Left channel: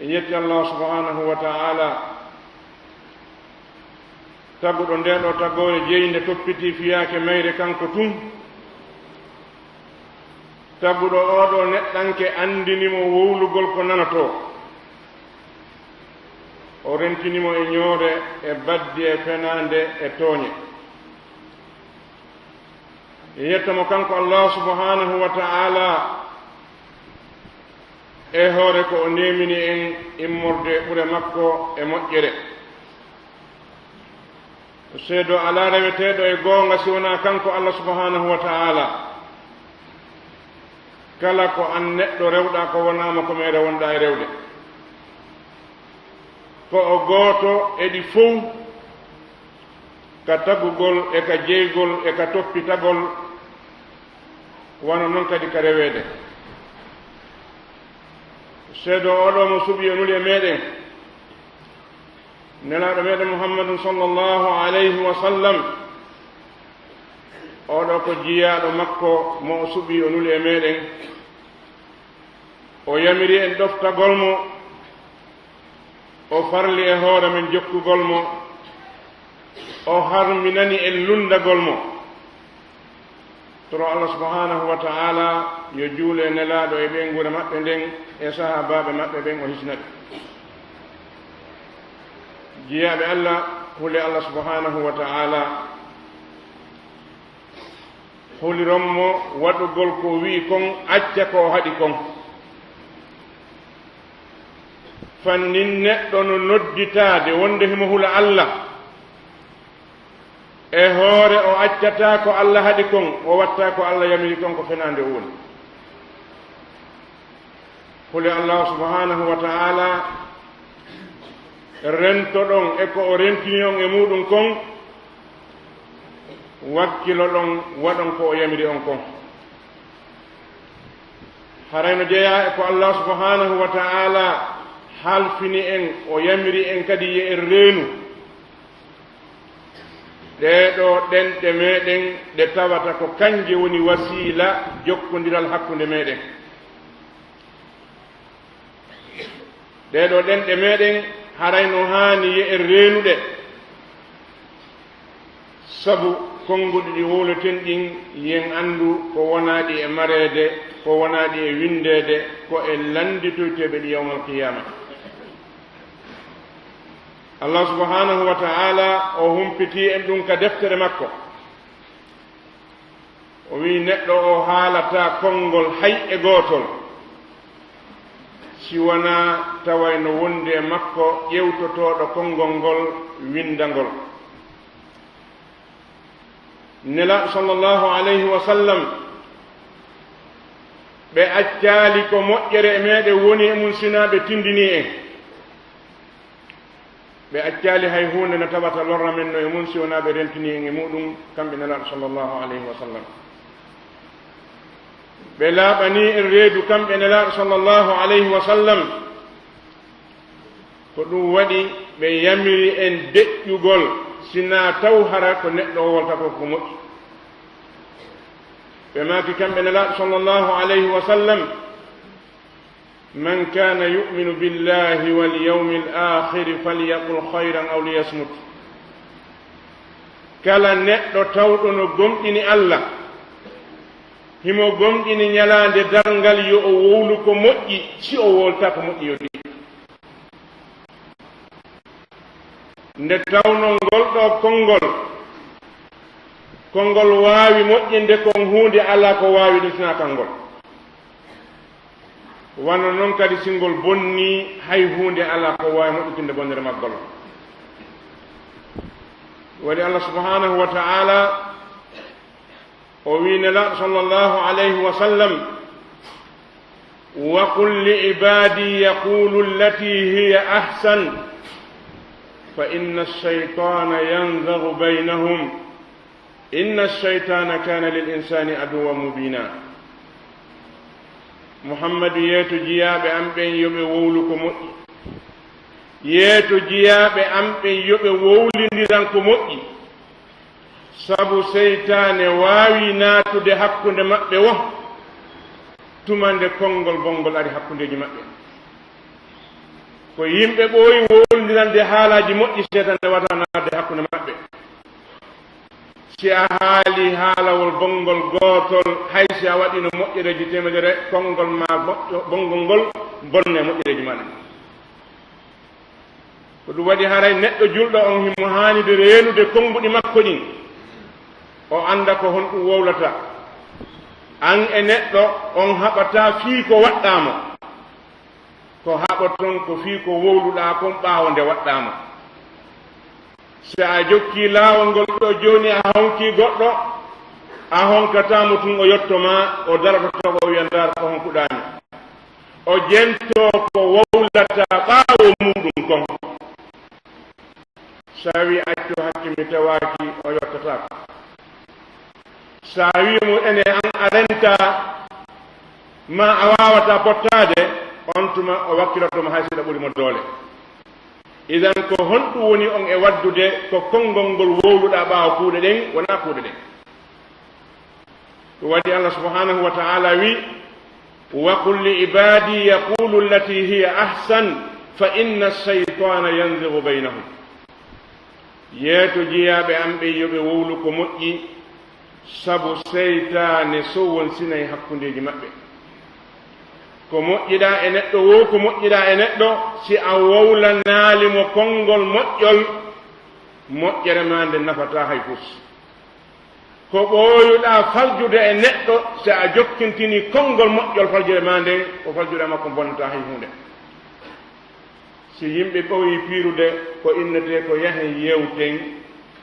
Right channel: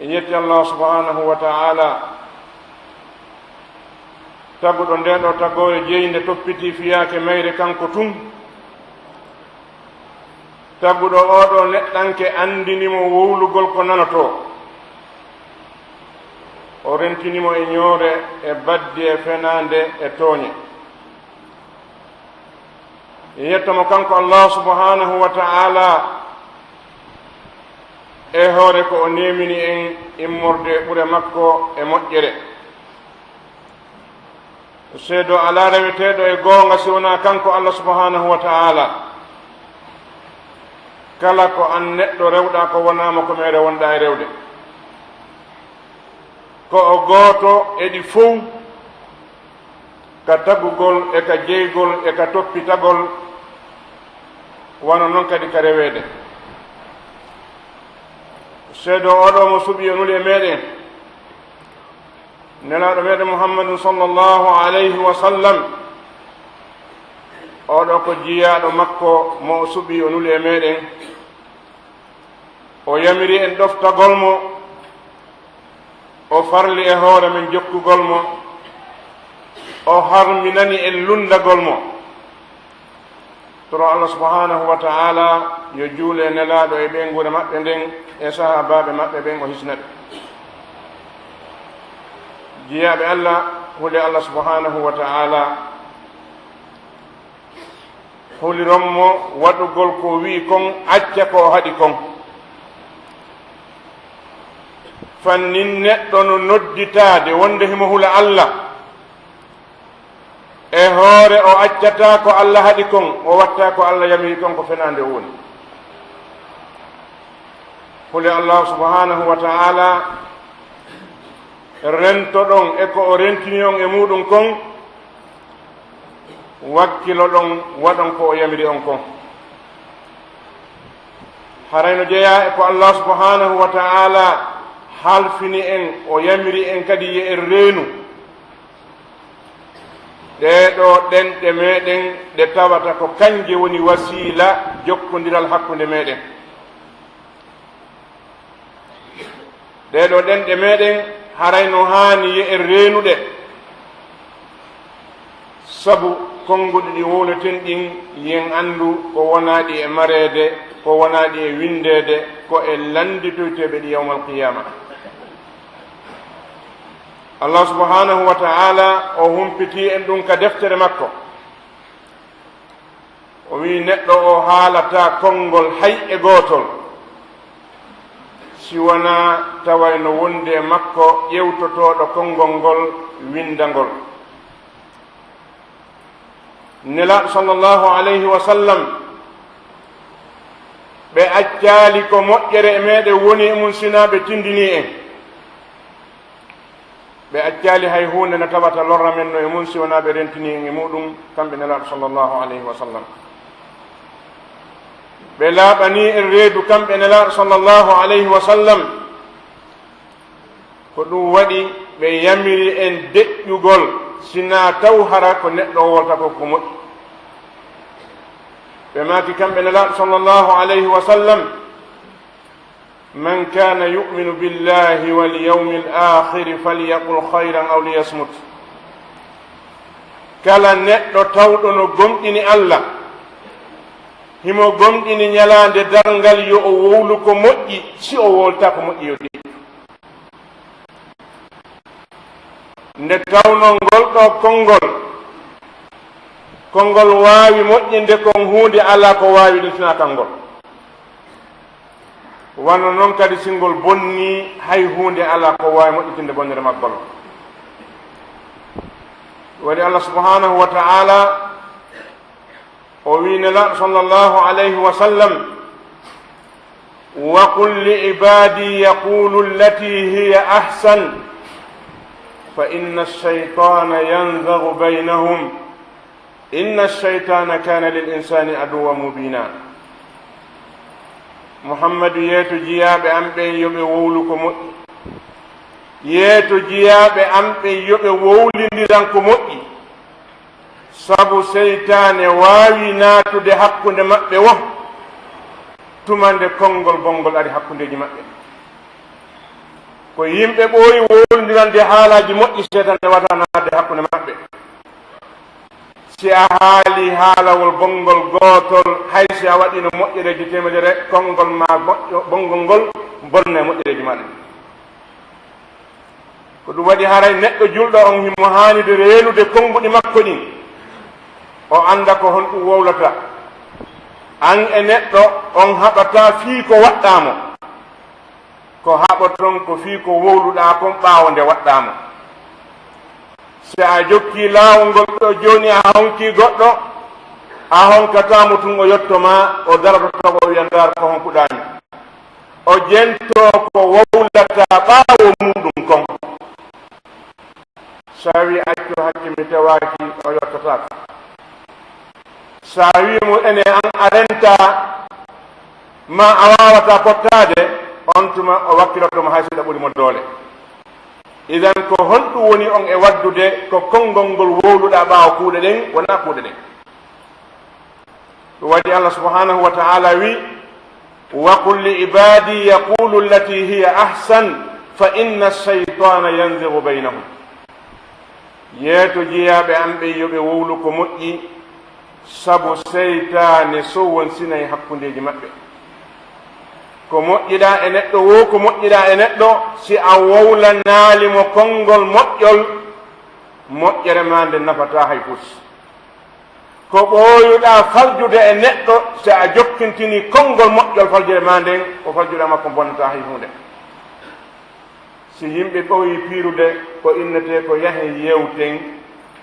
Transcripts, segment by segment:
yetti Allah subhanahu wa ta'ala taguɗo nden ɗo tagoye jeyinde toppiti fiyake mayre kanko tun taguɗo oɗo neɗɗanke andinimo wowlugol ko nanoto o rentinimo e ñoore e badde e fenande e tooñe yettamo kanko Allah subhanahu wa ta'ala e hoore ko o nemini en immorde ɓure makko e moƴƴere seedo ala reweteɗo e goonga si wona kanko Allah subhanahu wa ta'ala kala ko an neɗɗo rewɗa ko wonama ko mere wonɗa e rewde ko o gooto eɗi fof ka tagugol e ka jeygol e ka toppitagol wano noon kadi ka rewede seedo oɗo mo suɓi yonuli e meɗen nelaɗo meɗen muhammadun sallllahu alayhi wa sallam oɗo ko jiyaɗo makko mo o suɓi yonuli e meɗen o yamiri en ɗoftagol mo o farli e hoore men jokkugol mo o harminani en lundagol mo toro Allah subhanahu wa ta'ala yo juule nelaɗo e ɓengure maɓɓe nden e sahabaɓe maɓɓe ɓen o hisnaɓe jiyaɓe Allah huli Allah subhanahu wa ta'ala hulironmo waɗugol ko wi kon acca ko haɗi kon fannin neɗɗo no nodditade wonde himo hula Allah e hoore o accata ko Allah haɗi kon o watta ko Allah yamiri kon ko fenande woni huli Allah subhanahu wa ta'ala rento ɗon e ko o rentini on e muɗum kon wakkilo ɗon waɗon ko o yamiri on kon harayno jeeya e ko Allah subhanahu wa ta'ala halfini en o yamiri en kadi ye en reenu ɗeɗo ɗenɗe meɗen ɗe tawata ko kanje woni wasila jokkodiral hakkude meɗen ɗeɗo ɗenɗe meɗen harayno haani ye en reenuɗe sabu konnguɗi ɗi wowleten ɗin yen anndu ko wonaɗi e mareede ko wonaɗi e windeede ko e landitoyteɓe ɗi yawmal qiyama Allah subhanahu wa ta'ala o humpiti en ɗum ka deftere makko o wi neɗɗo o haalata konngol hay e gootol si wona tawayno wonde makko ƴewtotoɗo konngol ngol windangol nelaɗo sallllahu alayhi wa sallam ɓe accali ko moƴƴere e meɗen woni e mum sina ɓe tindini en ɓe accali hay hunde no tawata lorra men no e mum si wona ɓe rentini en e muɗum kamɓe nelaɗo sallllahu alayhi wa sallam ɓe laaɓani en reedu kamɓe nelaɗo sallllahu alayhi wa sallam ko ɗum waɗi ɓe yamiri en deƴƴugol sina taw hara ko neɗɗo o wolta ko ko moƴƴi ɓe maaki kamɓe nelaɗo sallllahu alayhi wa sallam man kana yuminu billahi walyawmi alakhiri falyaqul hayran aw liyasmut kala neɗɗo tawɗo no gomɗini Allah himo gomɗini ñalande darngal yo o wowlu ko moƴƴi si o wolta ko moƴƴi yo ɗi nde tawno ngol ɗo konngol waawi moƴƴinde kon huunde ala ko waawi ɗusina kangol wano noon kadi singol bonni hay huunde ala ko waawi moƴƴitinde bonnere maggol waɗi Allah subhanahu wa ta'ala o wi nelaɗo sallllahu alayhi wa sallam wa qul li ibadi yaqulu allati hiya ahsan fa inna ash-shaytana yanzaghu baynahum inna ash-shaytana kana lil insani aduwwan mubina muhammadu yeeto jiyaɓe am ɓen yoɓe wowlu ko moƴƴi yeeto jiyaɓe am ɓen yoɓe wowlindiran ko moƴƴi sabu seytane waawi naatude hakkunde maɓɓe wo tumande konngol bonngol ari hakkundeji maɓɓe ko yimɓe ɓooyi woldirande haalaji moƴƴi seedane watanade hakkunde maɓɓe si a haali haalawol bonngol gootol hay si a waɗino moƴƴereji temedere konngol ma bonngol ngol bonne moƴƴereji maɗa ko ɗum waɗi haray neɗɗo julɗo on himo haanide reenude konnguɗi makko ɗin o annda ko honɗum wowlata an e neɗɗo on haɓata fii ko waɗɗamo ko haɓoton ko fii ko wowluɗa kon ɓaawo nde waɗɗamo si a jokki laawol ngol ɗo jooni a honki goɗɗo a honkatamo tun o yettoma o daroto o wiya ndar ko honkuɗami o jento ko wowlata ɓaawo muɗum kon sa wi accu hakke mi tewaki o yettatako sa wimo ene an a renta ma a wawata pottade on tuma o wakkilotoma hay seeɗa ɓuurimo doole idan ko honɗum woni on e waddude ko konngol ngol wowluɗa ɓaawa kuuɗe ɗen wona kuuɗe ɗen ɗum waɗi allah subhanahu wa ta'ala wi wa qul li ibadi yaqulu allati hiya ahsan fa inna ash-shaytana yanzigu baynahum yeeto jiyaɓe an ɓe yoɓe wowlu ko moƴƴi sabu seytane sowon sinayi hakkundeji maɓɓe ko moƴƴiɗa e neɗɗo wo ko moƴƴiɗa e neɗɗo si a wowlanaalimo konngol moƴƴol moƴƴere ma nde nafata hay pus ko ɓooyuɗa faljude e neɗɗo si a jokkintini konngol moƴƴol faljere ma nden o faljuɗa makko bonnata hay hunde si yimɓe ɓooyi piirude ko innete ko yahe yewten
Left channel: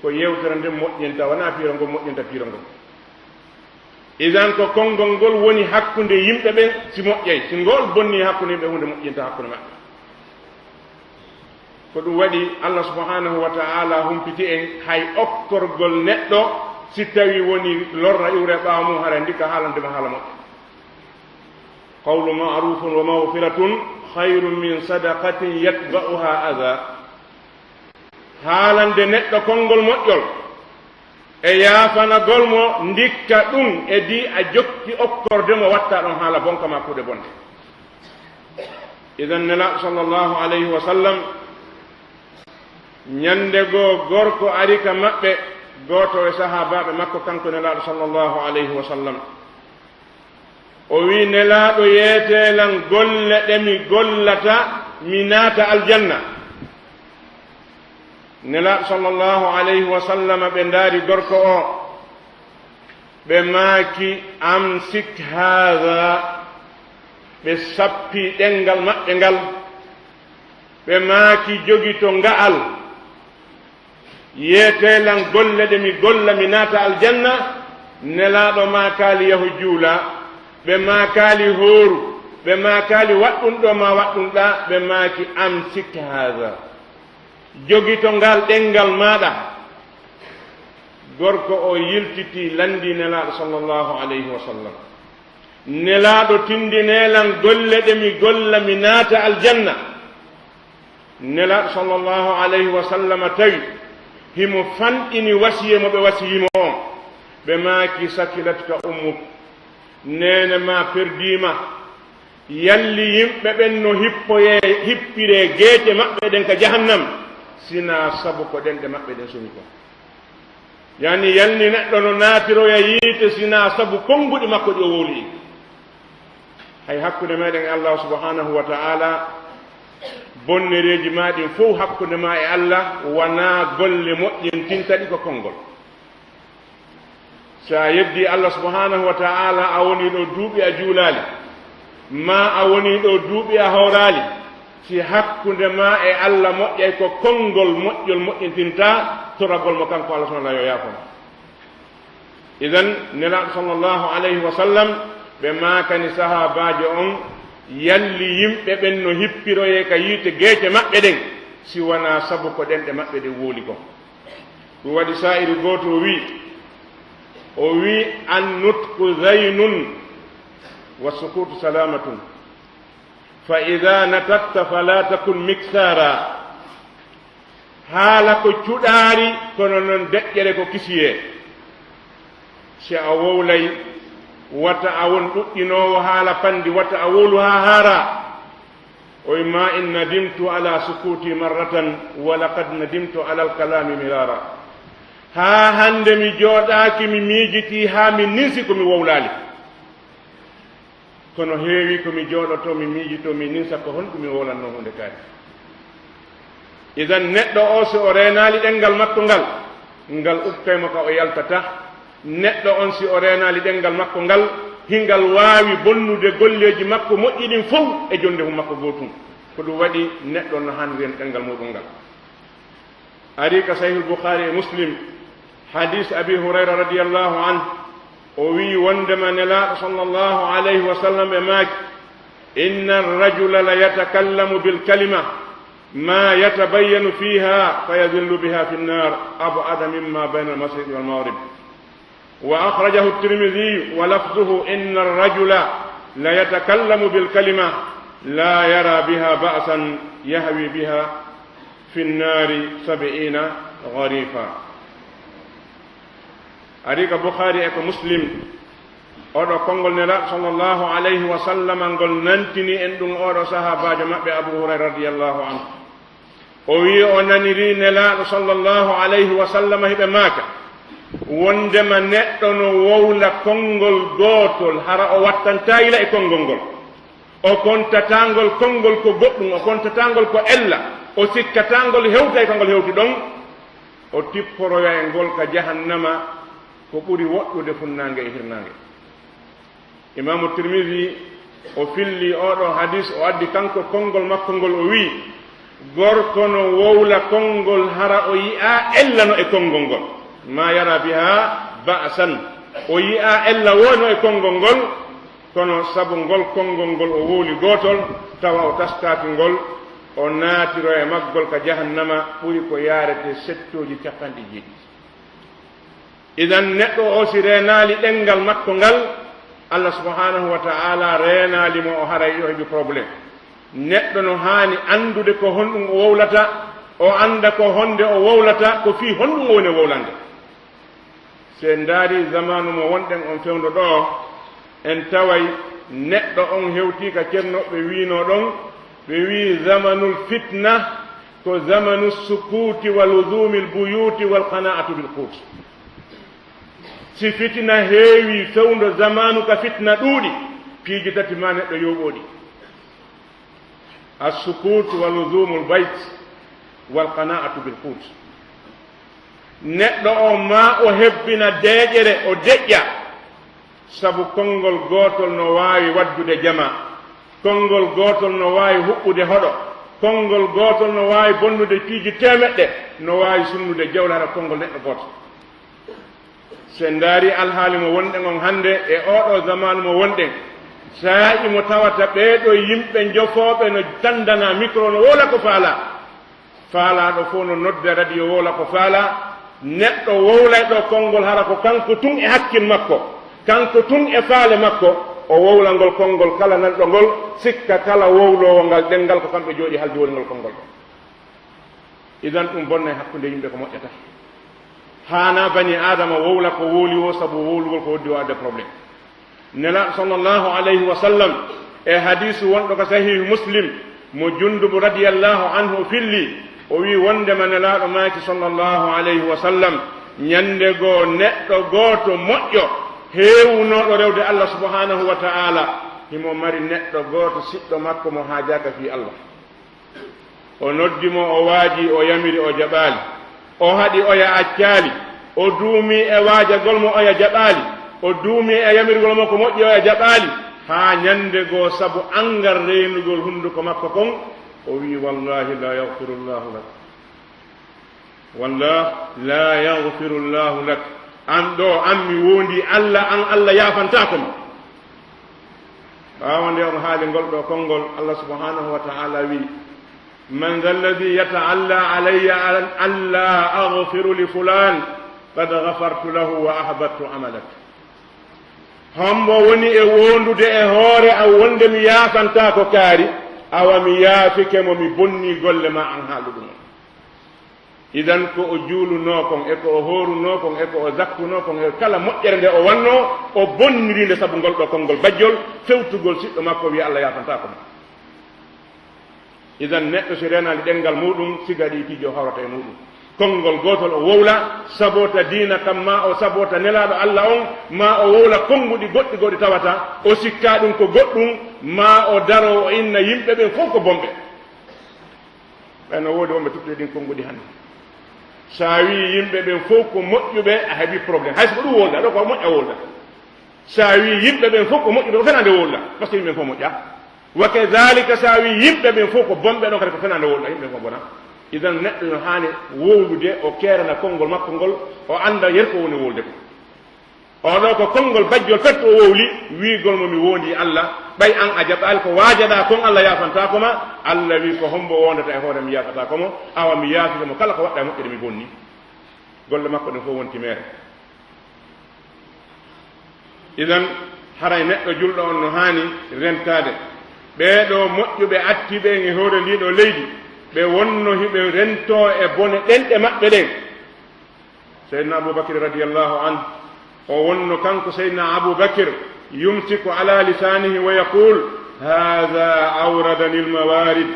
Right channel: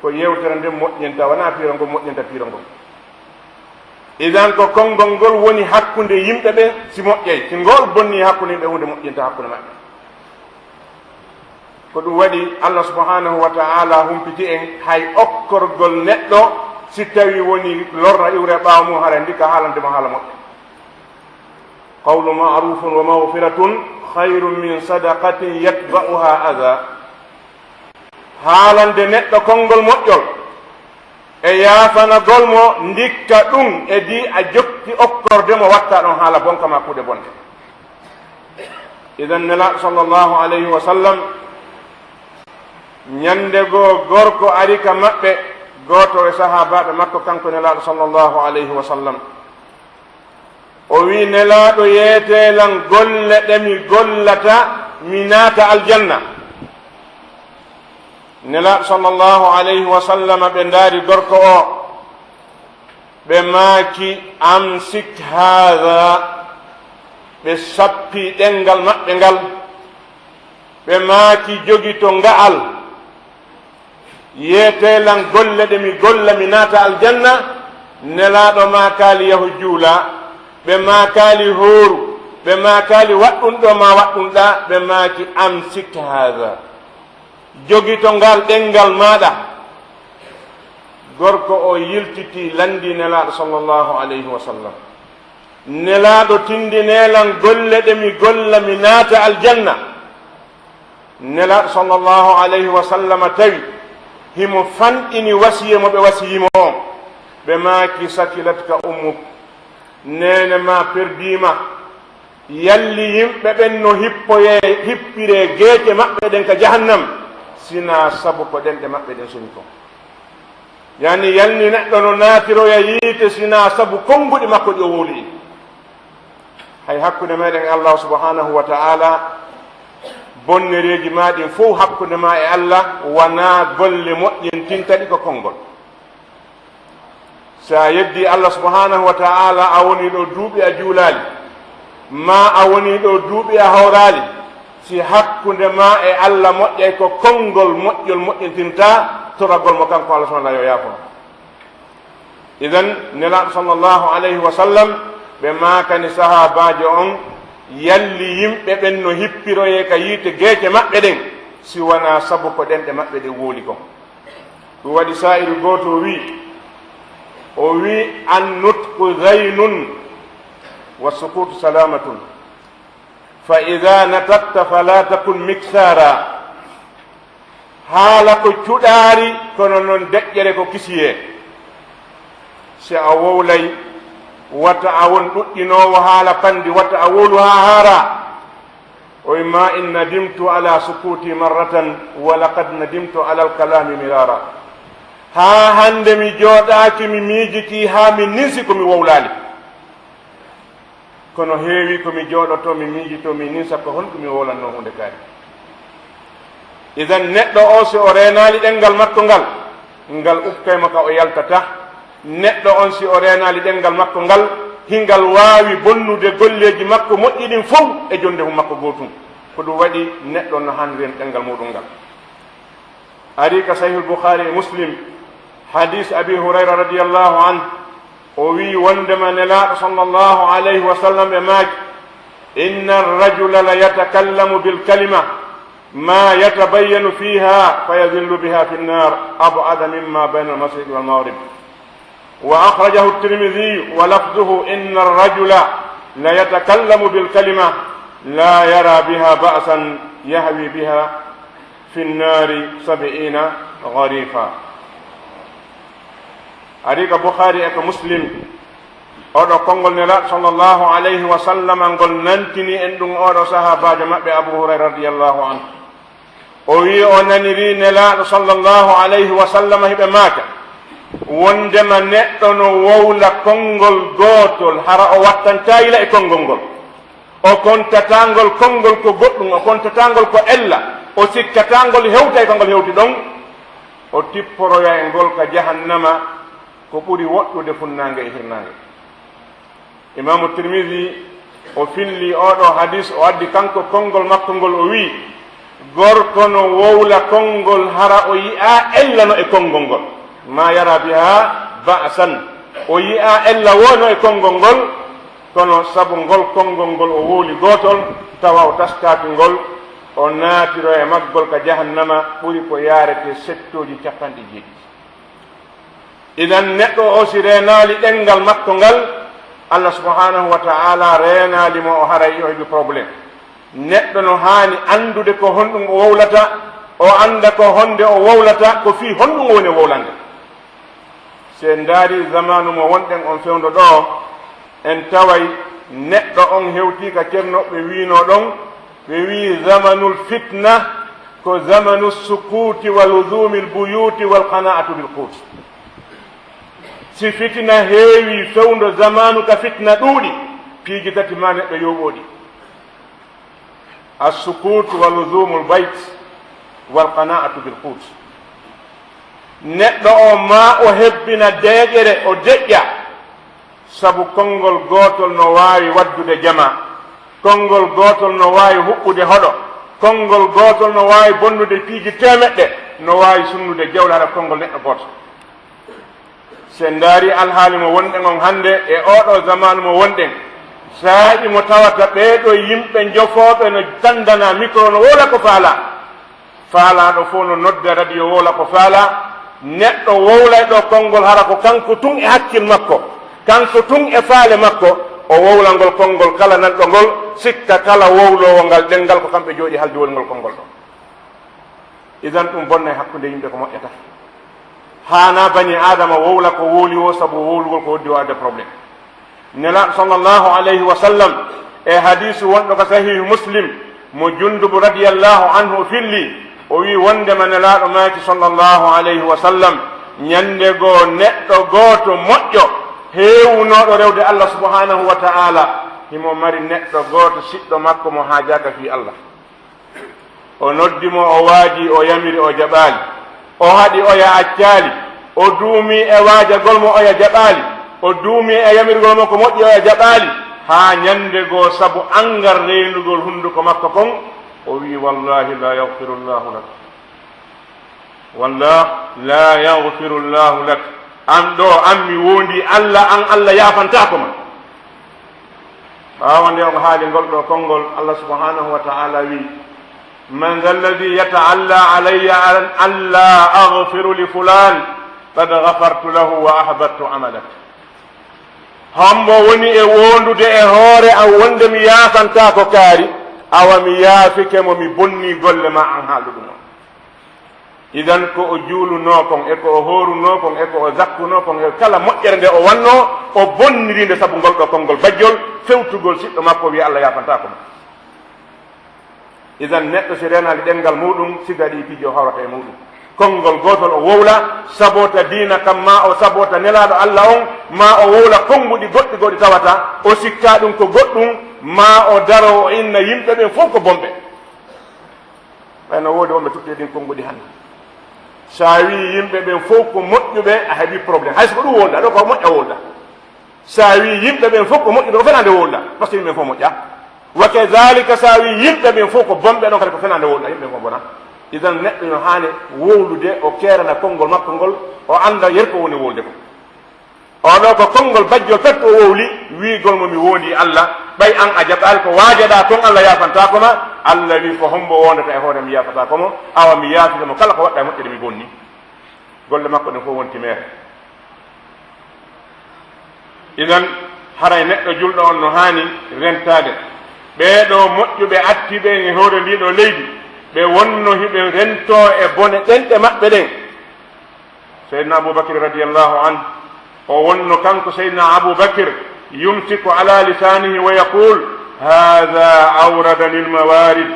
ko yewtere nden moƴƴinta wona piirongol moƴƴinta piirongol idan ko konngol ngol woni hakkunde yimɓe ɓen si moƴƴey si ngol bonni hakkunde yimɓe hunde moƴƴinta hakkunde maɓɓe ko ɗum waɗi allah subhanahu wa ta'ala humpiti en hay okkorgol neɗɗo si tawi woni lorra iwre ɓaawa mum hara ndika haalandema haala moƴƴe qawlu ma'rufun wa mawfiratun hayrun min sadaqatin yatba'uha adha haalande neɗɗo konngol moƴƴol e yaafanagol mo ndikka ɗum e di a jokki okkorde mo watta ɗon haala bonka ma kuuɗe bonde idan nelaɗo sallllahu alayhi wa sallam ñande goo gorko ari ka maɓɓe gooto e sahabaɓe makko kanko nelaɗo sallllahu alayhi wa sallam o wi nelaɗo yeetelan golle ɗe mi gollata mi naata aljanna nelaɗo sallllahu alayhi wa sallam ɓe ndaari gorko o ɓe maaki amsik haha ɓe sappi ɗengal maɓɓe ngal ɓe maaki jogi to nga'al yeetelan golle ɗe mi golla mi naata aljanna nelaɗo ma kaali yahu juula ɓe maakaali hooru ɓe maakaali waɗɗumɗo ma waɗɗumɗa ɓe maaki amsik haha jogi to ngal ɗengal maɗa gorko o yiltiti landi nelaɗo sallllahu alayhi wa sallam nelaɗo tindinelan golle ɗe mi golla mi naata aljanna nelaɗo sallllahu alayhi wa sallam tawi himo fanɗini wasiye mo ɓe wasiyimo on ɓe maaki sakilatka ummuk nene ma perdima yalli yimɓe ɓen no hippire geeƴe maɓɓe ɗen ka jahannam sina sabu ko ɗenɗe maɓɓe ɗen soni ko yani yalni neɗɗo no naatiroya yiite sina sabu konnguɗi makko ɗi o wowli hay hakkunde meɗen e allah subhanahu wa ta'ala bonnereji maɗin fof hakkunde ma e allah wona golle moƴƴin tintaɗi ko konngol sa yeddi allah subhanahu wa ta'ala a woni ɗo duuɓi a juulali ma a woni ɗo duuɓi a hawrali si hakkunde ma e allah moƴƴay ko konngol moƴƴol moƴƴintinta toragol mo kanko allah subhanahu yo yaafono idan nelaɗo sallllahu alayhi wa sallam ɓe maakani sahabaji on yalli yimɓe ɓen no hippiroye ka yiite geeke maɓɓe ɗen si wona sabu ko ɗenɗe maɓɓe ɗe wooli kon ɗum waɗi sa'iru gooto o wi an nutqu zaynun wa sukutu salamatun fa ida natatta fala takun miksara haala ko cuɗaari kono noon deƴƴere ko kisiye si a wowlay wata a won ɗuɗɗinoowo haala pandi wata a wowlu ha haara وما إن ندمت على سكوتي مرة ولقد ندمت على الكلام مرارا ها هند مي جوداكي مي ميجتي ها مي نسي كومي وولالي kono heewi komi jooɗoto mi miijito mi ninsa ko honɗum mi wolanno hunde kaari idan neɗɗo o si o reenaali ɗenngal makko ngal ukkaymo ka o yaltata neɗɗo on si o reenaali ɗenngal makko ngal hingal waawi bonnude golleeji makko moƴƴiɗin fof e jonde hu makko gootum ko ɗum waɗi neɗɗo no haandi en ɗenngal muɗum ngal ari ka sahihul boukhari e muslim hadis abi hurayra radiallahu anhu o wi wondema nelaaɗo sallllahu alayhi wa sallam e maaki inna arrajula la yatakallamu bilkalima ma yatabayyanu fiha fa yadillu biha fi nnar abada mimma bayna almasriqi walmaghrib wa akhrajahu at-tirmidhi wa lafduhu inna arrajula la yatakallamu bilkalima la yara biha ba'san yahwi biha fi nnari 70 gharifa arika bukhari e ko muslim oɗo konngol nelaaɗo sallllahu alayhi wa sallam ngol nantini en ɗum oɗo sahabajo maɓɓe abu hurayra radiallahu anhu o wi o naniri nelaaɗo sallllahu alayhi wa sallam hiɓe maaka wondema neɗɗo no wowla konngol gootol hara o wattantayila e konngol ngol o kontatangol konngol ko goɗɗum o kontatangol ko ella o sikkatangol hewta e kongol hewti ɗon o tipporoya e ngol ka jahannama ko ɓuri woɗɗude funnange e hirnange imamu tirmidi o filli oɗo hadis o addi kanko konngol makko ngol o wi gorko no wowla konngol hara o yi'a ella no e konngol ngol ma yara biha ba'san o yi'a ella wono e konngol ngol kono sabu ngol konngol ngol o wowli gotol tawa o taskaki ngol o naatiro e maggol ka jahannama ɓuri ko yarete settoji 90 idan neɗɗo o si reenaali ɗenngal makko ngal allah subhanahu wa ta'ala reenaali mo o haray o heɓi probléme neɗɗo no haani anndude ko honɗum o wowlata o annda ko honde o wowlata ko fii honɗum woni wowlande se ndaari zamanu mo wonɗen on fewndo ɗo en taway neɗɗo on hewtii ka ceernoɓe wiino ɗon ɓe wii zamanul fitna ko zamanu sukuti wa luzumi lbuyuti walqana'atu bilqut si fitina heewi fewndo zamanu ka fitna ɗuuɗi piiji tati ma neɗɗo yoɓoɗi assukut wa luzumu lbayt walqana'atu bilqut neɗɗo o ma o hebbina deeƴere o deƴƴa sabu konngol gootol no waawi waddude jama konngol gootol no waawi huɓɓude hoɗo konngol gootol no waawi bonnude piiji temeɗɗe no waawi sunnude jawle haɗa konngol neɗɗo gooto se ndaari alhaali mo wonɗen on hannde e oɗo zamanu mo wonɗen saaƴi mo tawata ɓeeɗo yimɓe jofooɓe no tandana micro no wowla ko faala faalaɗo fof no nodda radio wowla ko faala neɗɗo wowlay ɗo konngol hara ko kanko tun e hakkil makko kanko tun e faale makko o wowla ngol konngol kala nanɗo ngol sikka kala wowlowo ngal ɗenngal ko kamɓe jooɗi haldiwol ngol konngol ɗo idan ɗum bonna e hakkunde yimɓe ko moƴƴata hana bani adama wowla ko wowli o sabu wowlugol ko hoddi o adde probléme nelaɗo sallllahu alayhi wa sallam e hadisu wonɗo ko sahihu muslim mo jundubu radiallahu anhu filli o wi wondema nelaɗo maaki sallllahu alayhi wa sallam ñande goo neɗɗo gooto moƴƴo heewunoɗo rewde allah subhanahu wa ta'ala himo mari neɗɗo gooto siɗɗo makko mo haajaka fi allah o noddimo o waaji o yamiri o jaɓaali o haɗi oya accaali o duumi e waajagol mo oya jaɓaali o duumi e yamirgol mo ko moƴƴi oya jaɓaali haa ñande goo sabu angal reynugol hunnduko makko kon o wi wallahi la yahfiru llahu lak wallah la yahfiru llahu lak an ɗo an mi wondi allah an allah yafantako ma ɓaawa nde o haali ngol ɗo konngol allah subhanahu wa ta'ala wi man dha alladi yata'alla alayya an la aghfiru li fulan qad ghafartu lahu wa ahbattu amalak hombo woni e wondude e hoore an wonde mi yaafanta ko kaari awa mi yaafike mo mi bonni golle ma an haaluɗu noon idan ko o juuluno kon e ko o hooruno kon e ko o zakkuno kon e kala moƴƴere nde o wanno o bonnirinde sabu ngol ɗo konngol bajjol fewtugol siɗɗo makko wi allah yaafanta ko idan neɗɗo so renali ɗengal muɗum sigaɗi pijo hawrata e muɗum konngol gotol o wowla sabota dina kam ma o sabota nelaɗo Allah on ma o wowla konnguɗi goɗɗi goɗɗi tawata o sikka ɗum ko goɗɗum ma o daro o inna yimɓe ɓen fof ko bonɓe ɓayno woodi wonɓe tutte ɗin konnguɗi hannde sa wi yimɓe ɓen fof ko moƴƴuɓe a heeɓi probléme hayso ko ɗum wolda ɗo ko moƴƴa wolda sa wi yimɓe ɓen fof ko moƴƴuɓe ko fenande wolda par ce que yimɓe fof moƴƴa wa kadalika sa wi yimɓe ɓen fof ko bonɓe ɗon kadi ko fenande wolda yimɓe fof bona idan neɗɗo no haani wowlude o keerana konngol makko ngol o annda yer ko woni wolde ko oɗo ko konngol bajjol fetto o wowli wiigol mo mi wondi Allah ɓay an a jaɓɓali ko waajaɗa kon Allah yafanta koma Allah wi ko hombo wondata e hoore mi yafata komo awa mi yaafitamo kala ko waɗɗa e moƴƴere mi bonni golle makko ɗen fof wonti mere idan haray neɗɗo julɗo on no haani rentade ɓeeɗo moƴƴuɓe attiɓe e hoore ndiɗo leydi ɓe wonno hiɓe rento e bone ɗenɗe maɓɓe ɗen seydna aboubacry radiallahu anhu o wonno kanko seydna aboubacre yumsiku ala lisanihi wa yaqul hada awradani lmawarid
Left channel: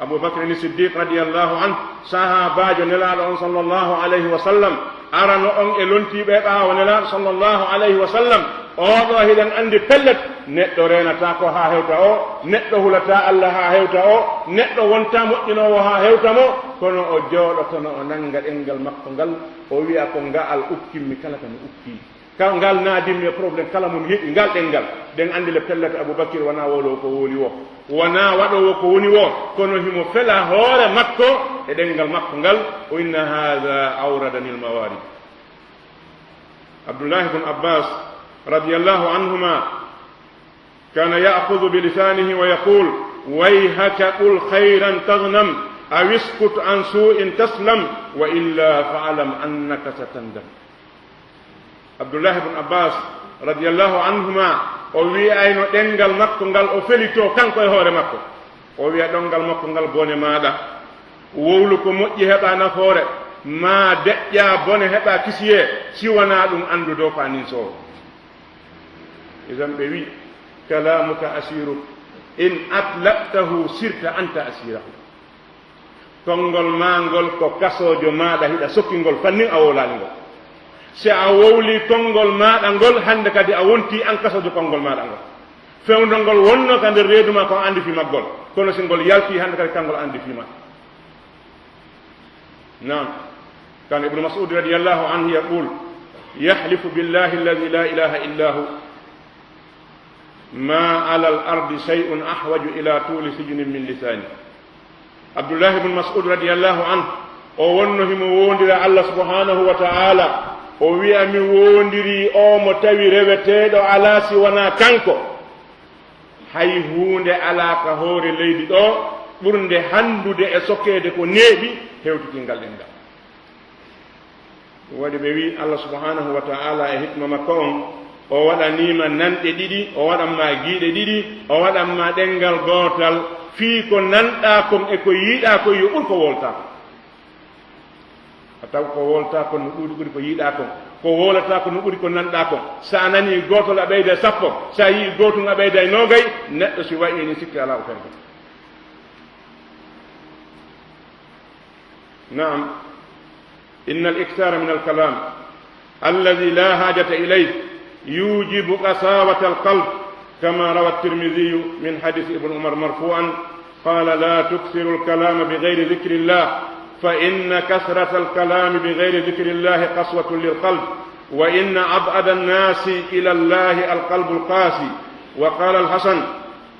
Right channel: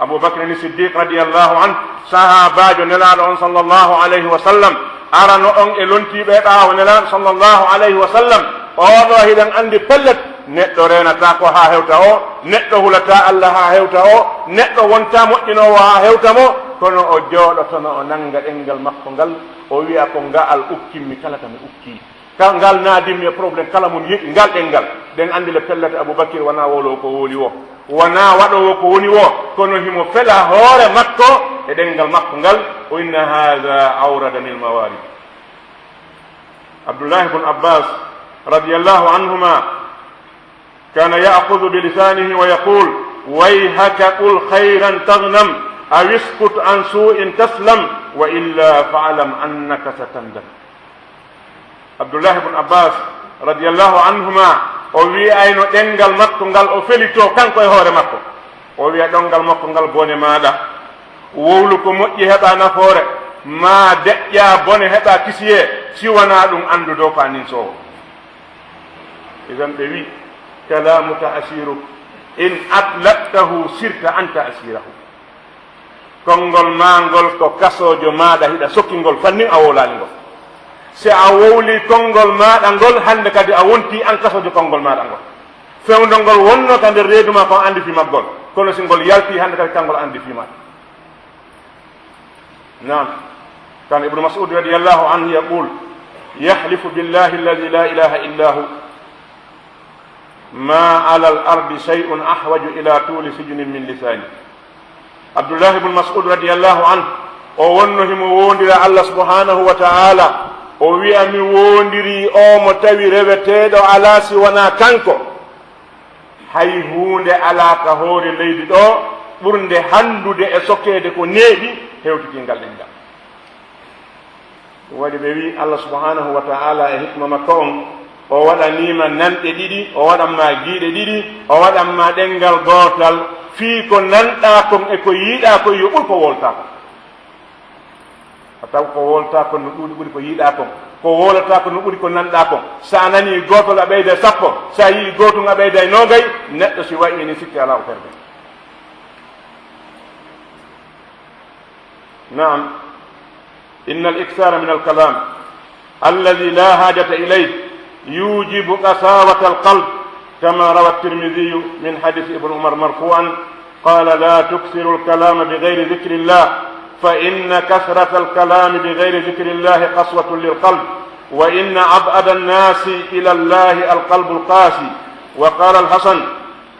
aboubacre ni siddiq radiallahu anhu sahabajo nelaɗo on sallllahu alayhi wa sallam arano on e lontiɓe ɓaawo nelaɗo sallllahu alayhi wa sallam oɗo hiɗen andi pellet neɗɗo renata ko ha hewta o neɗɗo hulata Allah ha hewta o neɗɗo wonta moƴƴinowo ha hewta mo kono o jooɗotono o nanga ɗengal makko ngal o wiya ko ngaal ukkimmi kala kami ukki ngal naadimmi e probléme kala mum yiɗi ngal ɗengal ɗen andi le pellete aboubacry wona wolowo ko woli o wona waɗowo ko woni o kono himo fela hoore makko e ɗengal makko ngal o inna hada awradani lmawarid abdoullahi bne abbas radiallahu anhuma كان يأخذ بلسانه ويقول ويهك قل خيرا تغنم أو اسكت عن سوء تسلم وإلا فاعلم أنك ستندم عبد الله بن عباس رضي الله عنهما ووي أين دنجال مكو نgal o felito kanko e hoore makko o wiya ɗongal makko ngal bone maɗa wowlu ko moƴƴi heɓa nafoore ma deƴƴa bone heɓa kisiye siwana ɗum andudo fanin sowo idan ɓe wi kalamuka asiruk in atlaqtahu sirta anta asirahu konngol mangol ko kasojo maɗa hiɗa sokkingol fannin a wowlani ngol si a wowli konngol maɗa ngol hande kadi a wonti an kasojo konngol maɗa ngol fewndol ngol wonno ka nder reedu ma ko andi fi maggol kono si ngol yalti hande kadi kangol andi fi ma nam kan ibnu mas'ud radiyallahu anhu yaqul yahlifu billahi alladhi la ilaha illa hu ما على الأرض شيء أحوج إلى طول سجن من لسانه عبد الله بن مسعود رضي الله عنه o wonno himo wondira Allah subhanahu wa ta'ala o wi'a mi wondiri o mo tawi reweteɗo ala si wona kanko hay hunde ala ka hoore leydi ɗo ɓurde handude e sokkede ko neeɓi hewtitingal ɗengal waɗi ɓe wi Allah subhanahu wa ta'ala e hikma makko on o waɗanima nanɗe ɗiɗi o waɗanma giiɗe ɗiɗi o waɗanma ɗengal gootal fii ko nanɗa kon e ko yiiɗa kon yo ɓuri ko wolta kon a taw ko wolta kon no ɗuuɗi ɓuri ko yiiɗa kon ko wolata ko no ɓuri ko nanɗa kon sa nani gootol a ɓeyda sappo sa yii gootum a ɓeyda nogay neɗɗo si wayi ni sikki ala o ferde naam inna al iksara min al kalam alladi la hajata ilayh يوجب قساوة القلب كما روى الترمذي من حديث ابن عمر مرفوعا قال لا تكثروا الكلام بغير ذكر الله فإن كثرة الكلام بغير ذكر الله قسوة للقلب وإن أبعد الناس إلى الله القلب القاسي وقال الحسن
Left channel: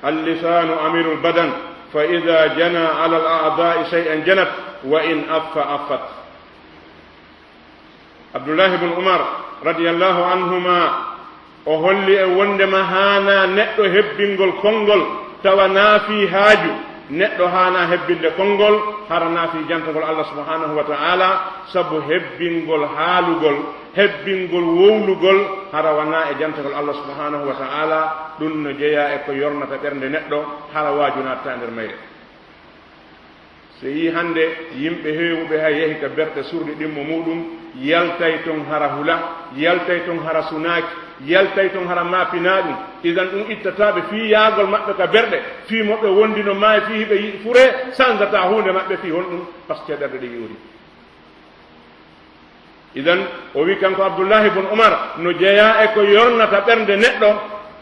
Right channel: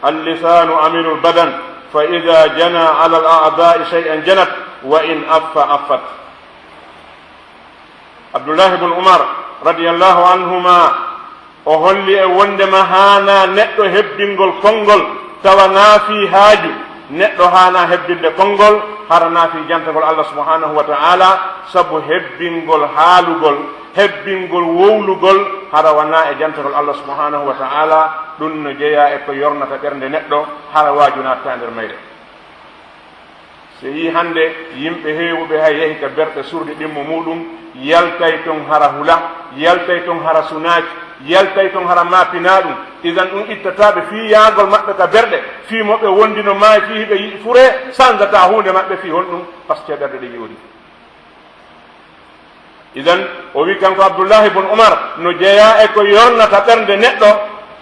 اللسان أمير البدن فإذا جنى على الأعداء شيئا جنت وإن أف أفت عبد الله بن عمر رضي الله عنهما o holli e wondema haana neɗɗo hebbingol konngol tawa naafi haaju neɗɗo haana hebbinde konngol hara naafi jantagol Allah subhanahu wa ta'ala sabu hebbingol haalugol hebbingol wowlugol hara wana e jantagol Allah subhanahu wa ta'ala ɗum no jeeya e ko yornata ɓernde neɗɗo hara waaju natta nder mayre so yi hannde yimɓe heewuɓe hay yehi ka berɗe surɗi ɗimmo muɗum yaltay ton hara hula yaltay ton hara sunaaki yaltay ton hara mapina ɗum idan ɗum ittataɓe fi yaagol maɓɓe ka berɗe fi moɓe wondino maayi fi hiɓe yiɗi fure sansata hunde maɓɓe fi hon ɗum par ce que ɗerɗe ɗe yoori idan o wi kanko abdoullahi bun oumar no jeeya e ko yornata ɓernde neɗɗo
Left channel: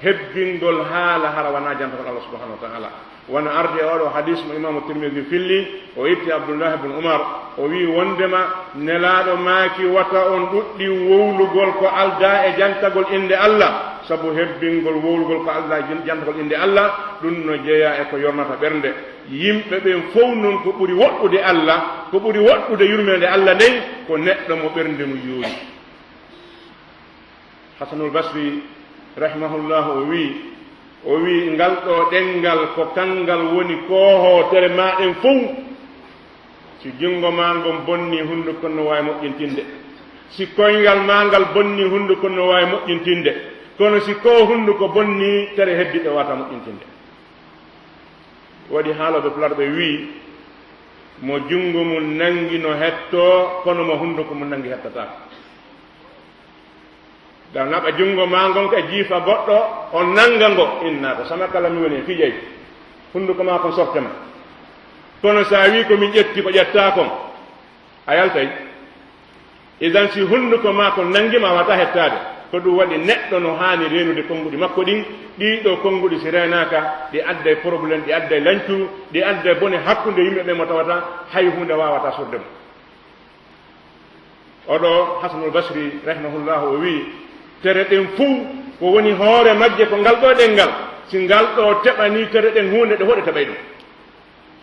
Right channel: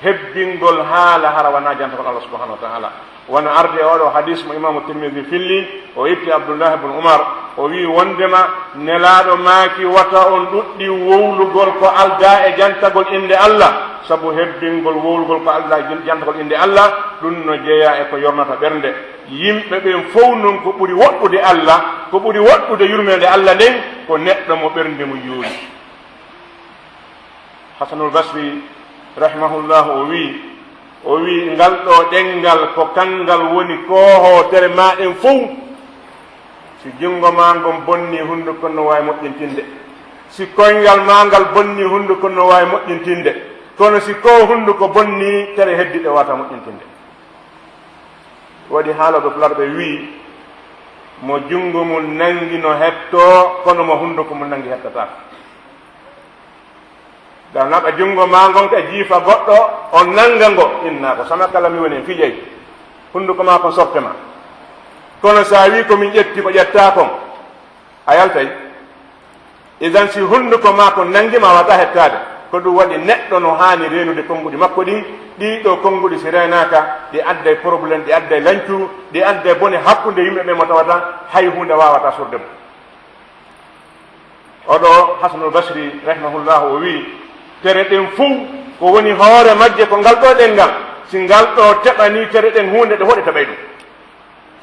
hebbingol haala hara wona jantakon allah subahanahu wa taala wona arde e oɗo hadis mo imamu tirmidi filli o itti abdoullahi bun oumar o wi wondema nelaɗo maaki wata on ɗuɗɗi wowlugol ko alda e jantagol inde allah sabu hebbingol wowlugol ko alda e jantagol inde allah ɗum no jeeya e ko yornata ɓernde yimɓe ɓen fof noon ko ɓuri woɗɗude allah ko ɓuri woɗɗude yurmede allah nden ko neɗɗo mo ɓernde mo yoori hasanul basri rahimahullah o wi ngal ɗo ɗengal ko kangal woni koohotere maɗen fof si jungo ma ngon bonni hunduko no wawi moƴƴintinde si koyngal ma ngal bonni hunduko no wawi moƴƴintinde kono si ko hunduko bonni tere heddiɓe wata moƴƴintinde waɗi haaloɓe fularɓe wi mo jungo mum nangi no hetto kono mo hunduko mum nangi hettatako da naɓa jungo ma ngon ka jiifa goɗɗo o nanga ngo inna ko sama kala mi woni fijey hunduko ma kon sortema kono sa wi komin ƴetti ko ƴetta kon a yaltay idan si hunduko ma ko nangima wata hettade ko ɗum waɗi neɗɗo no hani renude konnguɗi makko ɗin ɗiɗo konnguɗi si renaka ɗi adday probléme ɗi adday lancu ɗi adday bone hakkude yimɓe ɓe mo tawata hay hunde wawata sordemo oɗo hasanul basri rahimahullah o wi tere ɗen fuu ko woni hoore majje ko ngal ɗo ɗengal si ngal ɗo teɓani tere ɗen hunde ɗe hoɗe taɓay ɗum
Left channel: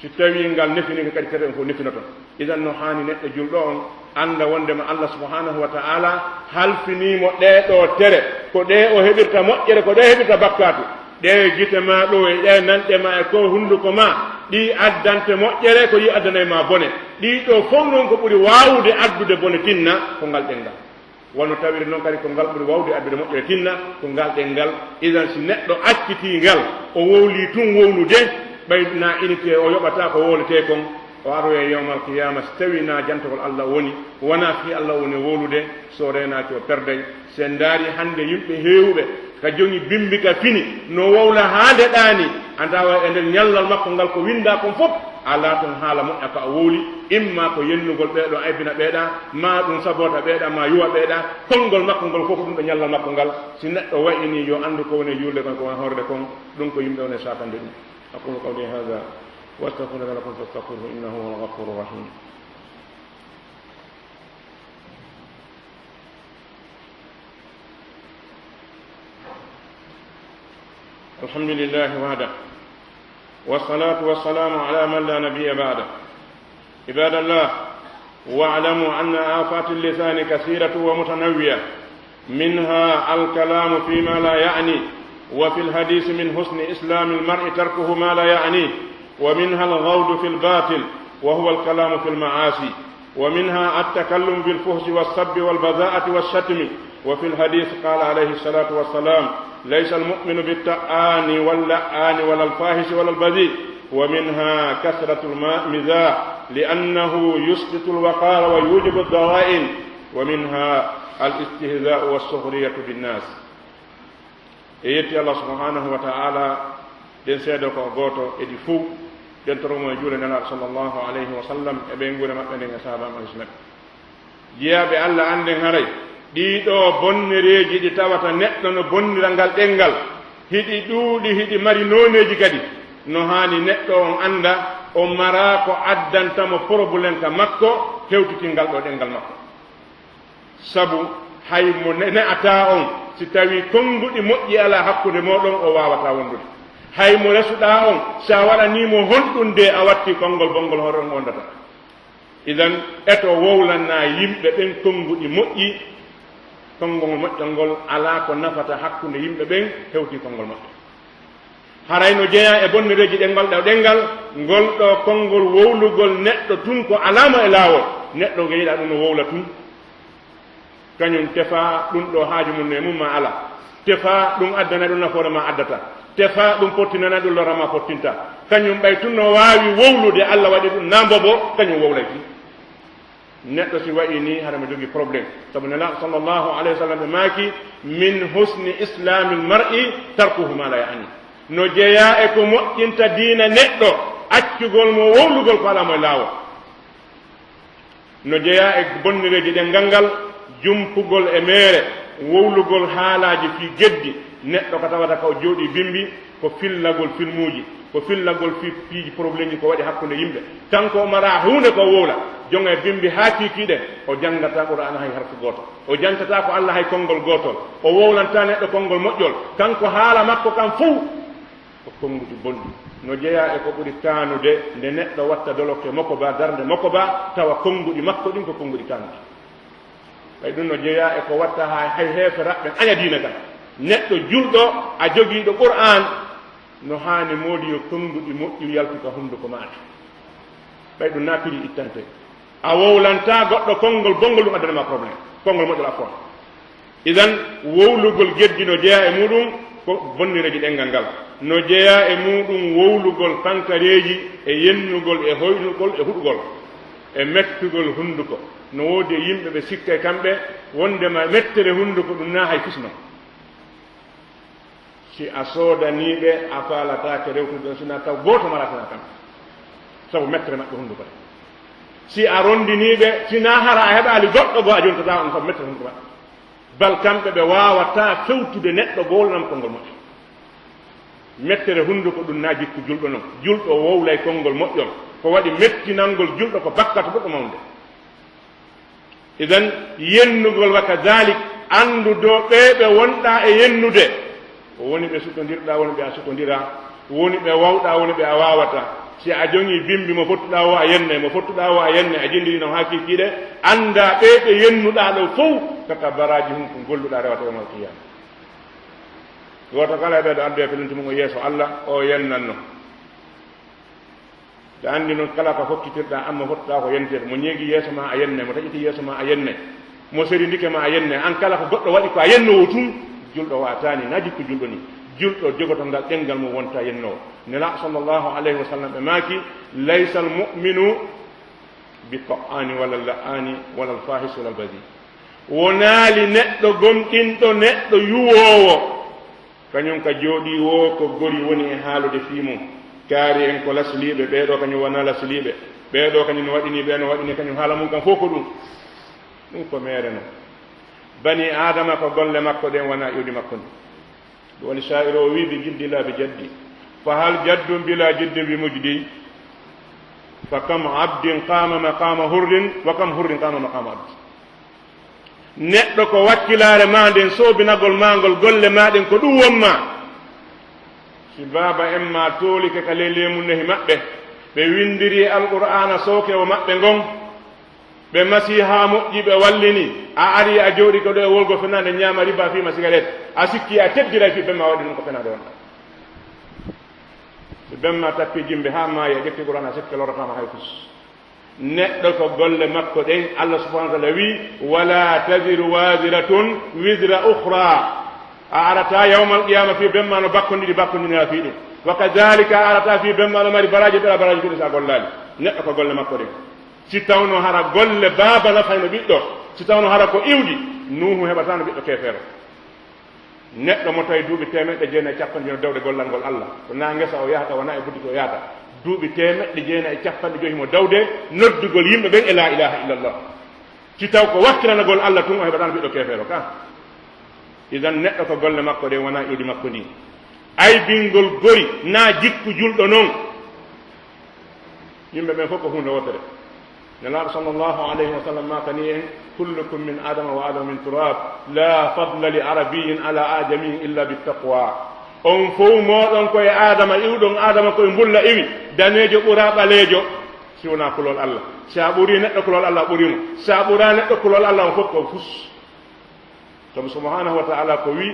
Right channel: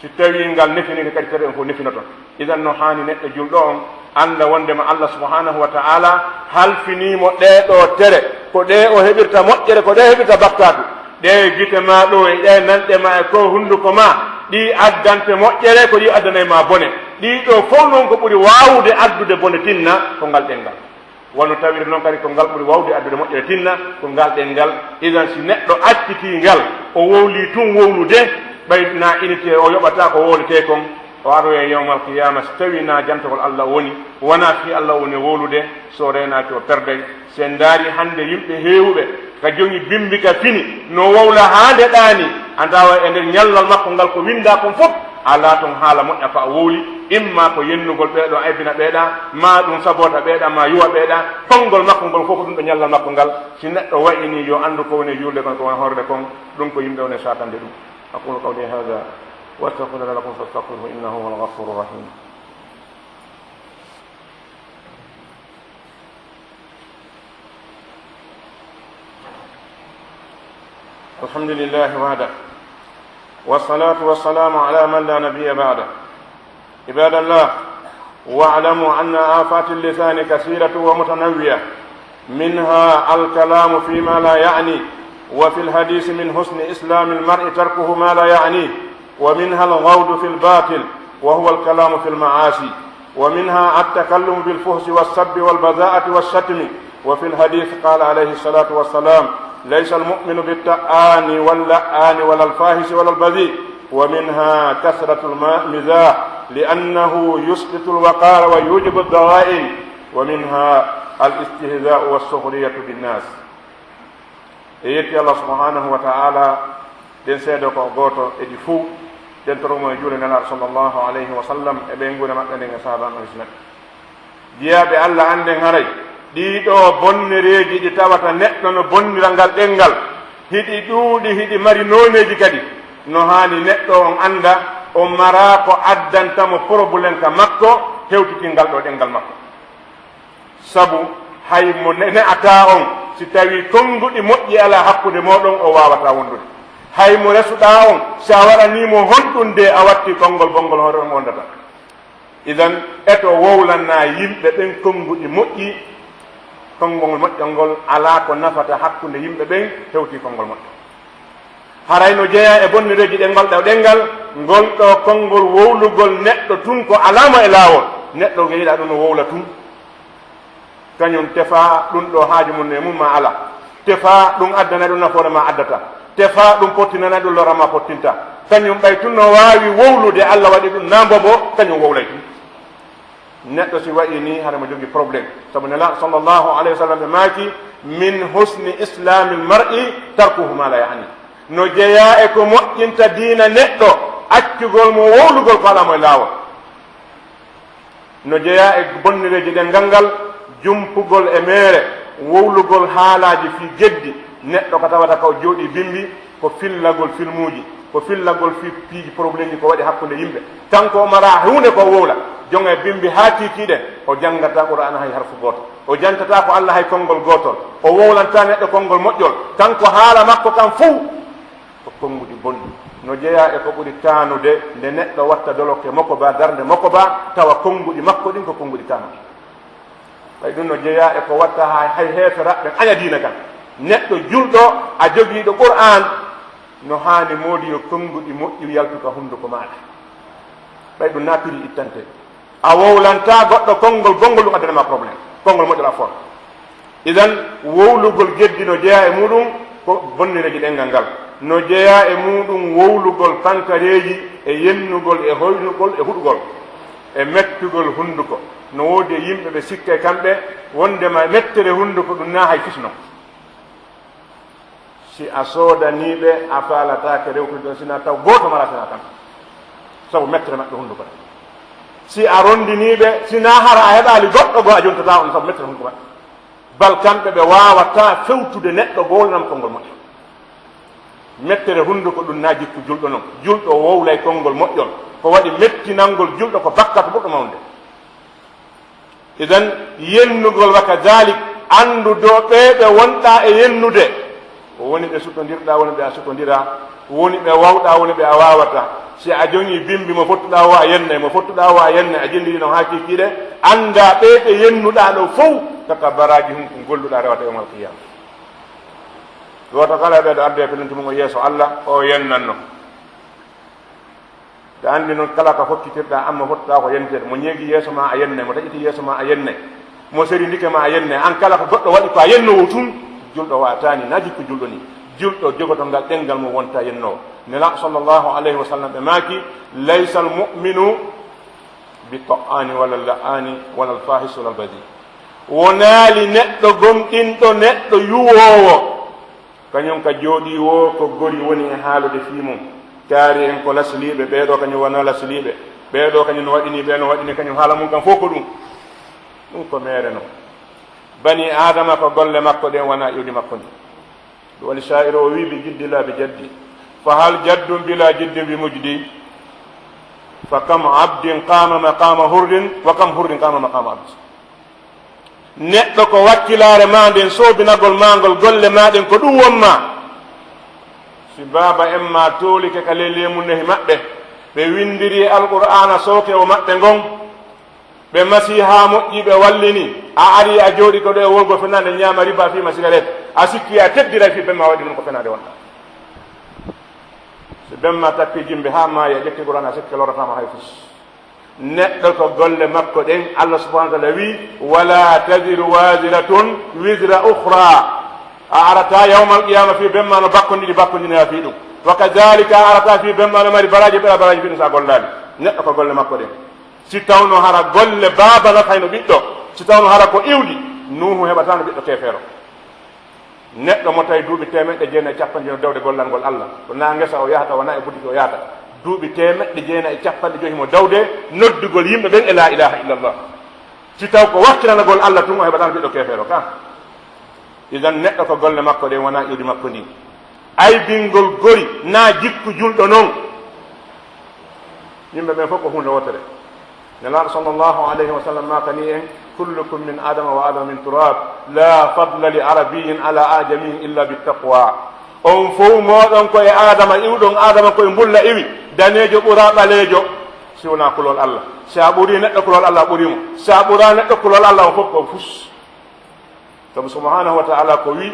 si tawi ngal nefinike kadi tere ɗen fof nefinoton idan no hani neɗɗo julɗo on anda wondema allah subhanahu wa ta'ala halfinimo ɗeɗo tere ko ɗe o heɓirta moƴƴere ko ɗe heɓirta bakkatu ɗe gite ma ɗo e ɗe nanɗe ma e ko hunduko ma ɗi addante moƴƴere ko ɗi addanay ma bone ɗiɗo fof noon ko ɓuri wawde addude bone tinna ko ngal ɗengal wono tawiri noon kadi ko ngal ɓuri wawde addude moƴƴere tinna ko ngal ɗengal idan si neɗɗo acciti ngal o wowli tun wowlude ɓaydna unité o yoɓata ko wowlete kon o aroye yawmal qiyama so tawi na jantagol allah woni wona fi allah woni wowlude so renaki o perdey sen daari hande yimɓe heewɓe ka jogi bimbika fini no wowla ha ndeɗani a dawa e nder ñallal makko ngal ko winda kon fof ala toon haala moƴƴa ko a wowli imma ko yennugol ɓeeɗo aybina ɓeeɗa ma ɗum sabota ɓeeɗa ma yuwa ɓeeɗa konngol makko ngol fof ko ɗum ɗo ñallal makko ngal si neɗɗo wayini yo anndu ko woni yulde kon ko woni horde kon ɗum ko yimɓe woni satande ɗum aqulu qawli hada واستغفر لكم فاستغفروه انه هو الغفور الرحيم الحمد لله وحده والصلاة والسلام على من لا نبي بعده عباد الله واعلموا أن آفات اللسان كثيرة ومتنوعة منها الكلام فيما لا يعني وفي الحديث من حسن إسلام المرء تركه ما لا يعنيه ومنها الغوض في الباطل وهو الكلام في المعاصي ومنها التكلم بالفحش والسب والبذاءة والشتم وفي الحديث قال عليه الصلاة والسلام ليس المؤمن بالتآن واللآن ولا الفاحش ولا البذيء ومنها كثرة المزاح لأنه يسقط الوقار ويوجب الضغائن ومنها الاستهزاء والسخرية بالناس يأتي الله سبحانه وتعالى den seedo ko goto edi fuu den toromo juule nana sallallahu alayhi wa sallam e ɓe ngure maɓɓe nden e sahaba maɓɓe islam jiyaɓe allah anden haray ɗiɗo bonnereji ɗi tawata neɗɗo no bonnira ngal ɗengal hiɗi ɗuuɗi hiɗi mari noneji kadi no hani neɗɗo on anda o mara ko addantamo probléme ka makko hewtitingal ɗo ɗengal makko sabu hay mo ne'ata on si tawi konnguɗi moƴƴi ala hakkude moɗon o wawata wondude hay mo resuɗa on so a waɗanimo honɗunde a watti konngol bonngol hoore on wondata idan eto wowlanna yimɓe ɓen konnguɗi moƴƴi konngol moƴƴol ngol ala ko nafata hakkunde yimɓe ɓen hewti konngol moƴƴo haray no jeeya e bonnireji ɗengal ɗo ɗengal ngol ɗo konngol wowlugol neɗɗo tun ko alama e laawol neɗɗo geyiɗa ɗum no wowla tun kañum tefa ɗum ɗo haaji mum ne mum ma ala tefa ɗum addana ɗum nafoore ma addata tefa ɗum pottinana ɗum lorama pottinta kañum ɓay tun no wawi wowlude allah waɗi ɗum nambo bo kañum wowlay tun neɗɗo si wayi ni hara mo jogi probléme sabu nela sallllahu alayhi wa sallam ɓe maaki min husni islami l mar'i tarkuhu ma la yani no jeeya e ko moƴƴinta diina neɗɗo accugol mo wowlugol ko ala moye laawol no jeeya e bonnireji ɗen ngal jumpugol e meere wowlugol haalaji fi geddi neɗɗo ko tawata ko jooɗi bimbi ko fillagol filmuji ko fillagol fi piiji probléme ji ko waɗi hakkude yimɓe kanko mara hunde ko wowla jonge bimbi ha kiikiɗen o janggata qur'ana hay harfu goto o jantata ko allah hay konngol gotol o wowlanta neɗɗo konngol moƴƴol kanko haala makko kam fuu ko konnguɗi bonni no jeeya e ko ɓuri kanude nde neɗɗo watta doloke makko ba darde makko ba tawa konnguɗi makko ɗin ko konnguɗi kanude ɓay ɗum no jeeya e ko watta hay heeferaɓɓe aña diina kan neɗɗo julɗo a jogiiɗo qur'an no haani moodi yo konnguɗi moƴƴi yaltuka hunnduko maɗa ɓay ɗum naatiri ittante a wowlanta goɗɗo konngol gongol ɗum addanama probléme konngol moƴƴol a fort idan wowlugol geddi no jeeya e muɗum ko bonnireji ɗengal ngal no jeeya e muɗum wowlugol pankareji e yennugol e hoynugol e huɗugol e mettugol hunnduko no woodi e yimɓe ɓe sikka e kamɓe wondema mettere hunnduko ɗum na hay fisno si a soodaniɓe a faalatake rewtude ɗon sina taw goto maratana kam sabu mettere maɓɓe hunnduko ɗe si a rondiniɓe sina hara a heɓali goɗɗo goo a jontata on sabu mettere hunnduko maɓɓe bal kamɓe ɓe wawata fewtude neɗɗo golnam konngol moƴƴol mettere hunnduko ɗum na jikku julɗo noon julɗo wowlay konngol moƴƴol ko waɗi mettinalngol julɗo ko bakkata ɓurɗo mawde idan yennugol wa kadalik andudo ɓeɓe wonɗa e yennude woni ɓe suttodirɗa woni ɓe a suttodira woni ɓe wawɗa woni ɓe a wawata si a jogi bimbi mo fottuɗa o a yenne mo fottuɗa o a yenne a jilliri noon ha kikiɗe anda ɓeɓe yennuɗa ɗo fof kaka baraji hum ko golluɗa rewata yawmal qiyama goto kala ɓeɗo arde pelenti mum o yeeso allah o yennanno te andi noon kala ko hokkitirɗa amma fottuɗa ko yentede mo ñeegui yeeso ma a yenne mo taƴiti yeeso ma a yenne mo seri ndike ma a yenne an kala ko goɗɗo waɗi ko a yennowo tun julɗo watani na jikku julɗo ni julɗo jogoto ngal ɗengal mum wonta yennowo nela sallllahu alayhi wa sallam ɓe maaki laysa almuminu bi ta'ani wala la'ani wala alfahis wala albadi wonaali neɗɗo gomɗinɗo neɗɗo yuwowo kañum ka jooɗi wo ko gori woni e haalude fii mum kaari en ko lasliɓe ɓeeɗo kañum wona lasliɓe ɓeeɗo kañum no waɗini ɓe no waɗini kañum haala mum kam fof ko ɗum ko meere no bani adama ko golle makko ɗen wona iwdi makko ndi ɗum woni sha'ir o wi bi jiddi la bi jaddi fa hal jaddum bila jiddin bi mujdi fa kam abdin qama maqama hurdin wa kam hurdin qama maqama abdi neɗɗo ko wakkilare ma nden soobinagol magol golle maɗen ko ɗum wonma si baba en ma toolike ka leylemum nehi maɓɓe ɓe windiri alqur'ana sooke o maɓɓe ngon ɓe masi ha moƴƴi ɓe wallini a ari a jooɗi to ɗo e wolgo fenade ñaama riba fima cigarette a sikki a teddira fi bemma waɗi ɗum ko fenade wonɗa so bemma tappi jimbe ha maayi a ƴetti qur'ana sikke loratama hay fus neɗɗo ko golle makko ɗen allah subahana wa taala wi wala tadiru wasiratun wisra ukhra a arata yawmal qiyama fi bemma no bakkondiɗi bakkondini ha fi ɗum wa kadalika a arata fi bemma no mari baraji ɓeɗa baraji fi ɗum sa gollali neɗɗo ko golle makko ɗen si tawno hara golle baaba nafayno ɓiɗɗo si tawno hara ko iwdi nuhu heɓatano ɓiɗɗo kefeero neɗɗo mo tawi duuɓi temeɗɗe jeenayi e capanɗe no dawde gollangol allah to na ngesa o yahata wona e buddiki o yahata duuɓi temeɗɗe jeenayi e capanɗe joyi mo dawde noddugol yimɓe ɓen e la ilaha illallah si taw ko wakkilanagol allah tun o heɓatano ɓiɗɗo kefeero ka idan neɗɗo ko golle makko ɗe wona iwdi makko ni aybingol gori na jikku julɗo noon yimɓe ɓen fof ko hunde wotere nelaɗo sallllahu alayhi wa sallam makani en kullukum min adama wa adama min turab la fadla li arabiyin ala ajamiyin illa bittaqwa on fof moɗon koye adama iwɗon adama koye mbulla iwi danejo ɓura ɓalejo si wona kulol allah sa ɓuri neɗɗo kulol allah ɓurimo sa ɓura neɗɗo kulol allah o fof ko fus sabu subhanahu wa taala ko wi